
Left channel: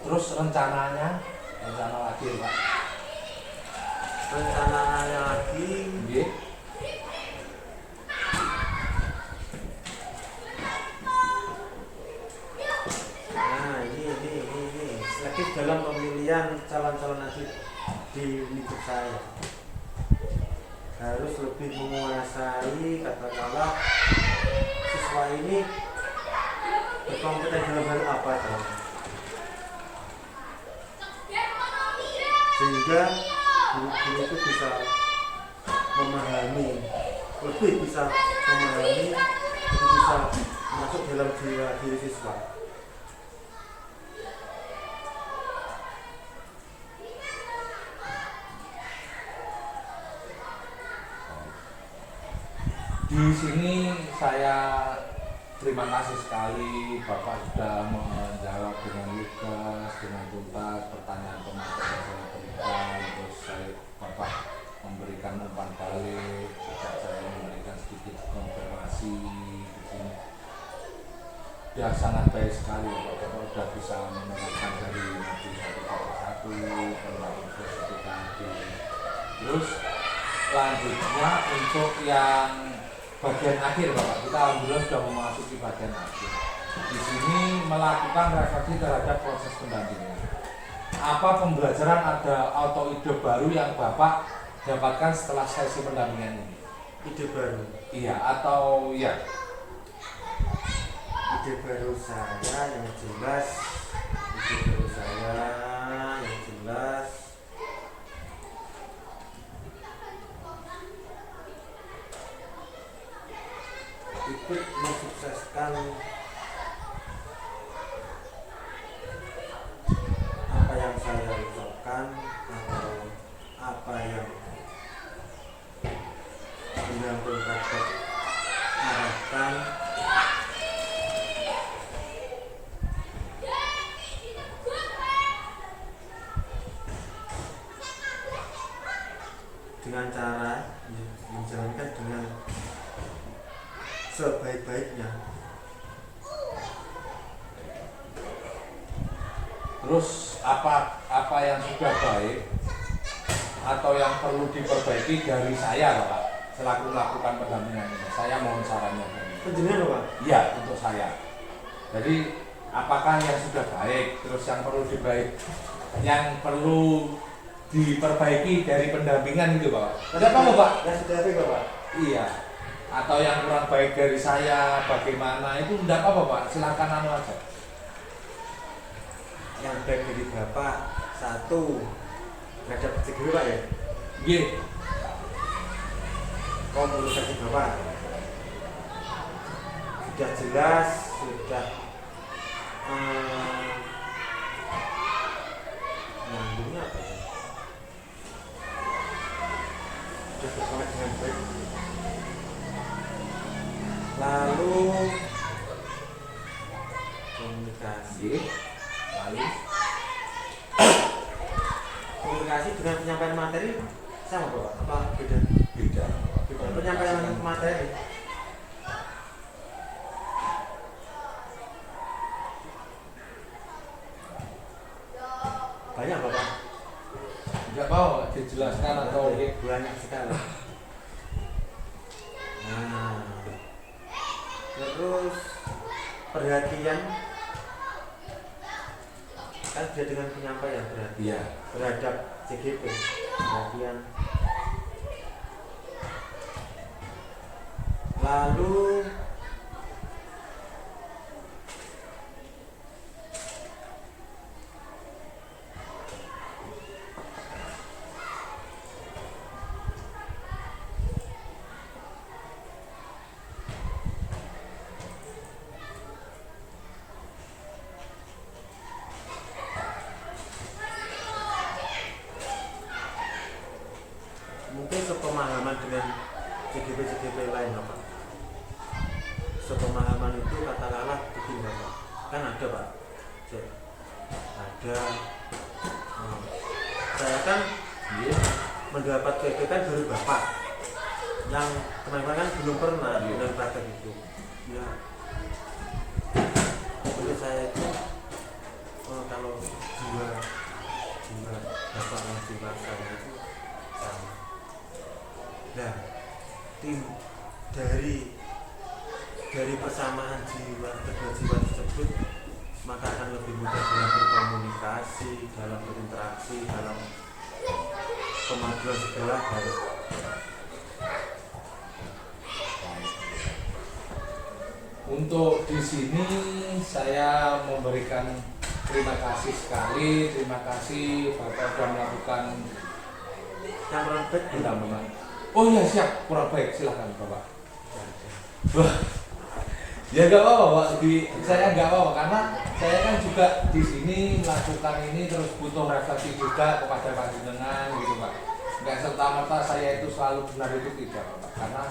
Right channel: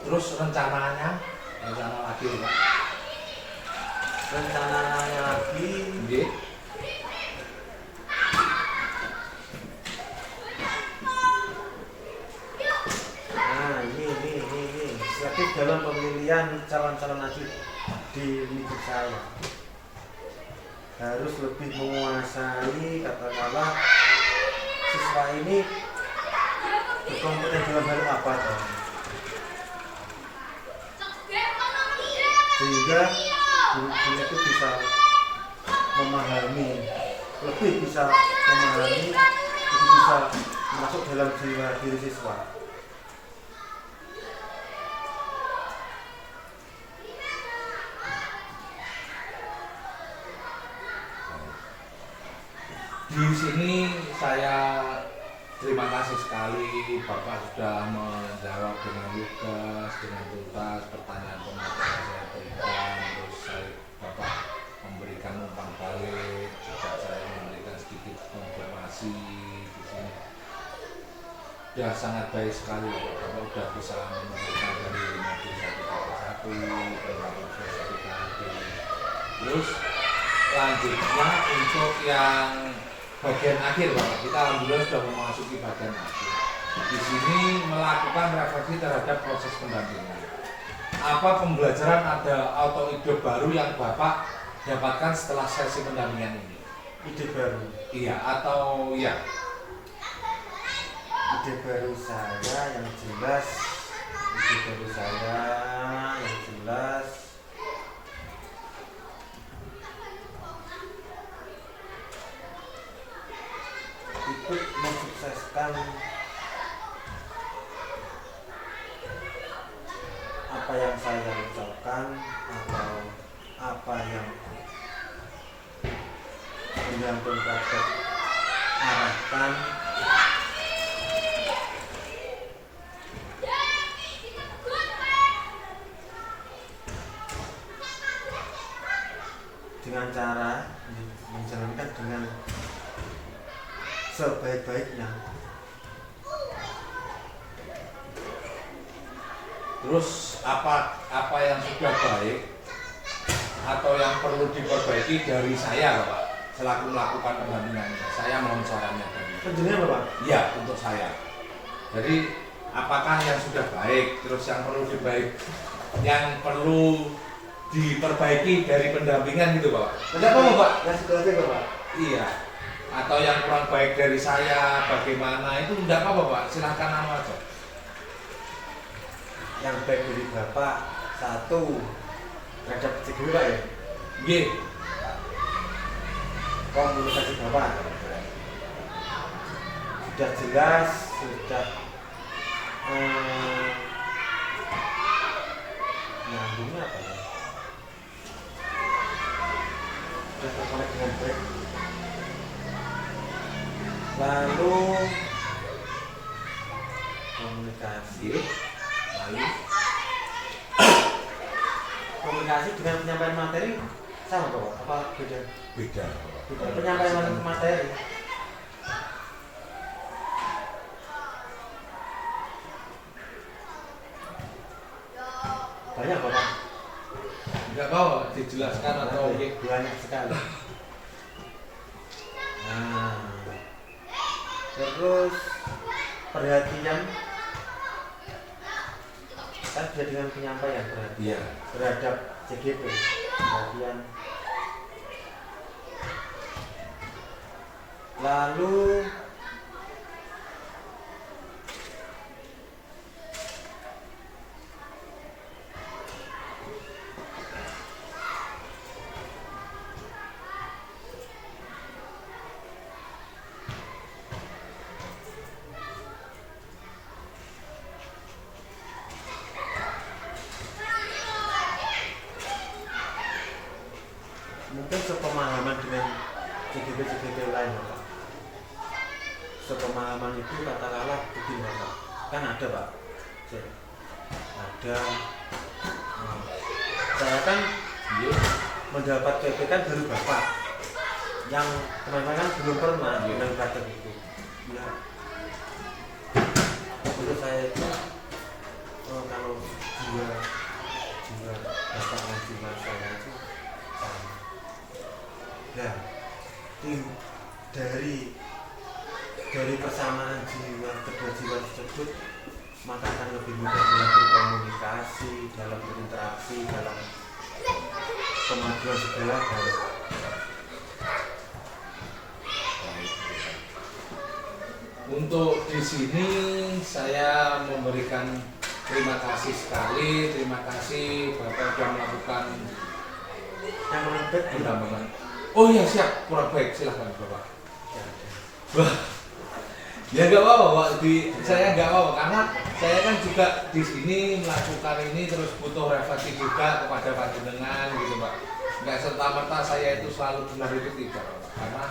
Terus rencana lagi Pak? Rencananya lagi Nggih. nah ini selektif dalam pemilihan calon-calon haji di hidup saya harus lebih menguasai katakanlah siswa ini berkompeten dalam hal apa dong sehingga guru itu bisa memahami, lebih bisa memahami, lebih bisa masuk dalam jiwa diri siswa. Di sini saya terima kasih sekali Bapak sudah menjawab dengan lugas, dengan tuntas pertanyaan pemateri yang saya berikan. Terus Bapak memberikan umpan balik, juga saya memberikan sedikit konfirmasi di sini. Sudah sangat baik sekali Bapak, sudah bisa meneruskan dari modul 1.1 ke modul 1.3. Terus selanjutnya untuk yang bagian akhir Bapak, kita alhamdulillah sudah memasuki bagian akhir. Di sini melakukan refleksi terhadap proses pendampingan. Apa pembelajaran ada atau ide baru yang Bapak dapatkan setelah sesi pendampingan ini? Ide baru. Iya atau ya? Ide baru saya yang jelas, ikut mensukseskan apa yang saya ucapkan atau apa yang menyambung pada arahkan dengan cara menjalankan dengan sebaik-baiknya. Terus apa yang sudah baik atau yang perlu diperbaiki dari saya Bapak selaku melakukan pendampingan ini? Saya mohon sarannya dari Penjenengan Bapak? Iya, untuk saya. Jadi apakah yang sudah baik, terus yang perlu diperbaiki dari pendampingan itu Bapak? Ada apa Bapak? Yang sudah baik Bapak? Iya. Atau yang kurang baik dari saya bagaimana itu enggak apa Pak, silakan aja. Yang baik dari Bapak satu terhadap CGW Pak ya? Iya. Komunikasi Bapak sudah jelas, sudah nyambungnya apa ya? Sudah terkonek dengan baik. Lalu komunikasi dengan penyampaian materi sama Bapak? Apa beda? Beda. Penyampaian materi banyak Bapak? Enggak mau dijelaskan atau banyak sekali. Nah, terus perhatian kan sudah dengan penyampaian perhatian Iya. terhadap CGP, perhatian. Lalu mungkin sepemahaman dengan CGP lain Bapak. Sepemahaman itu katakanlah begini Bapak, kan ada Pak, ada saya kan mendapat PP kan baru Bapak yang kemarin kan belum pernah undang praktek itu ya. Menurut saya itu kalau dua Bapak dan jiwa saya itu sama. Nah, tim dari persamaan kedua jiwa tersebut maka akan lebih mudah dalam berkomunikasi, dalam berinteraksi, dalam kemajuan segala hal. Untuk di sini saya memberikan terima kasih sekali, terima kasih Bapak sudah melakukan Yang lebih pendampingan. Oh iya siap, kurang baik, silahkan Bapak. Tidak ada. Wah, ya nggak apa-apa Pak, saya nggak apa-apa karena saya kan juga di sini melakukan ini terus butuh refleksi juga kepada panjenengan gitu Pak. Nggak serta-merta saya itu selalu benar itu tidak Pak, karena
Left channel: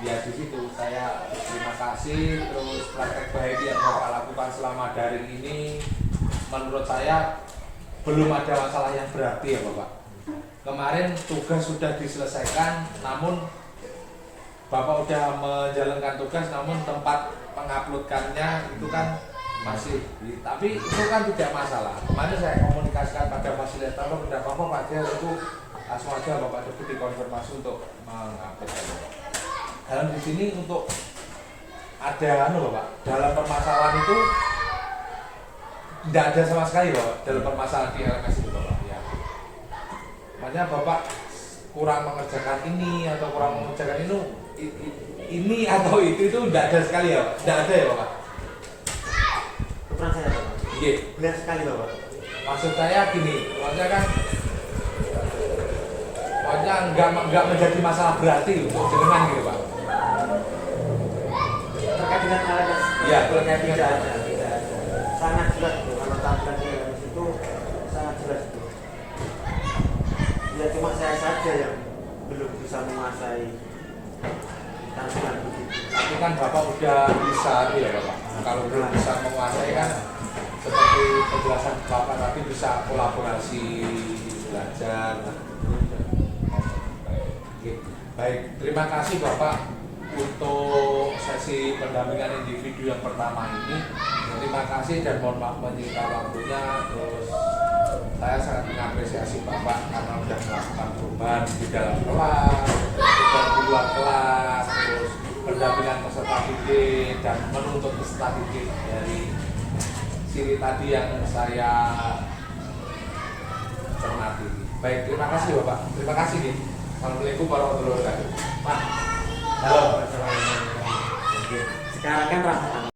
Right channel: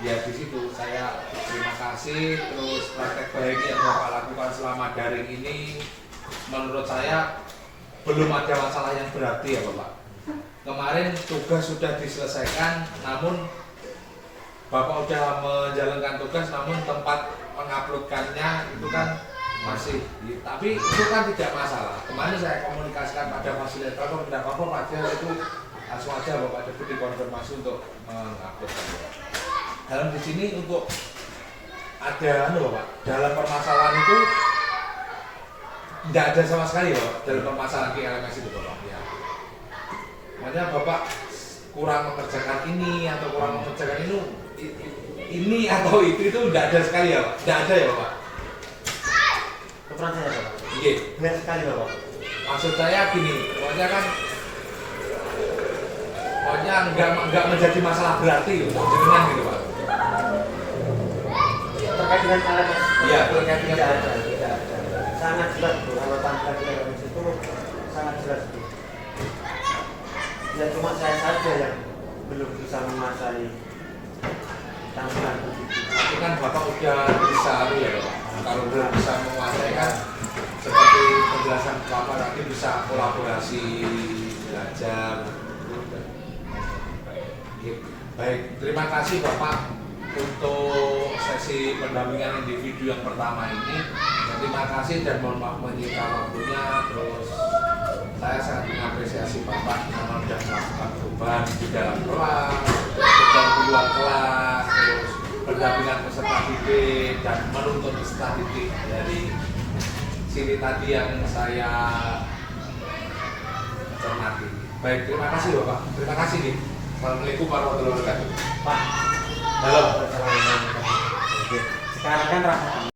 ya di situ saya terima kasih terus praktek baik yang Bapak lakukan selama daring ini menurut saya belum ada masalah yang berarti ya Bapak. Kemarin tugas sudah diselesaikan namun Bapak udah menjalankan tugas namun tempat menguploadkannya itu kan masih, tapi itu kan tidak masalah. Kemarin saya komunikasikan pada fasilitator dan Bapak pada itu langsung aja Bapak Deputi dikonfirmasi untuk menguploadkannya. Dalam di sini untuk ada Bapak, dalam permasalahan itu tidak ada sama sekali Bapak dalam permasalahan KLMS itu Bapak ya. Makanya Bapak kurang mengerjakan ini atau kurang mengerjakan ini atau itu tidak ada sekali ya Pak, tidak ada ya Bapak. Kebetulan saya Bapak. Iya. Benar sekali Bapak. Maksud saya gini, pokoknya kan nggak menjadi masalah berarti untuk jenengan gitu Pak. Terkait dengan LMS, Iya, terkait dengan tidak ada. Sangat jelas itu kalau tampilan di LMS itu sangat jelas itu. Ya cuma saya saja yang belum bisa menguasai tampilan begitu. Tapi kan Bapak udah bisa ya Bapak. Kalau udah bisa menguasai kan seperti penjelasan Bapak tadi bisa kolaborasi belajar. Baik, terima kasih Bapak untuk sesi pendampingan individu yang pertama ini. Terima kasih dan mohon maaf menyita waktunya. Terus saya sangat mengapresiasi Bapak karena sudah melakukan perubahan di dalam kelas, sudah di luar kelas, terus pendampingan peserta didik dan menuntut peserta didik dari sini tadi yang saya cermati. Baik, terima kasih Bapak. Terima kasih nih. Assalamualaikum warahmatullahi wabarakatuh. Pak, halo. Sekarang kan Rahmat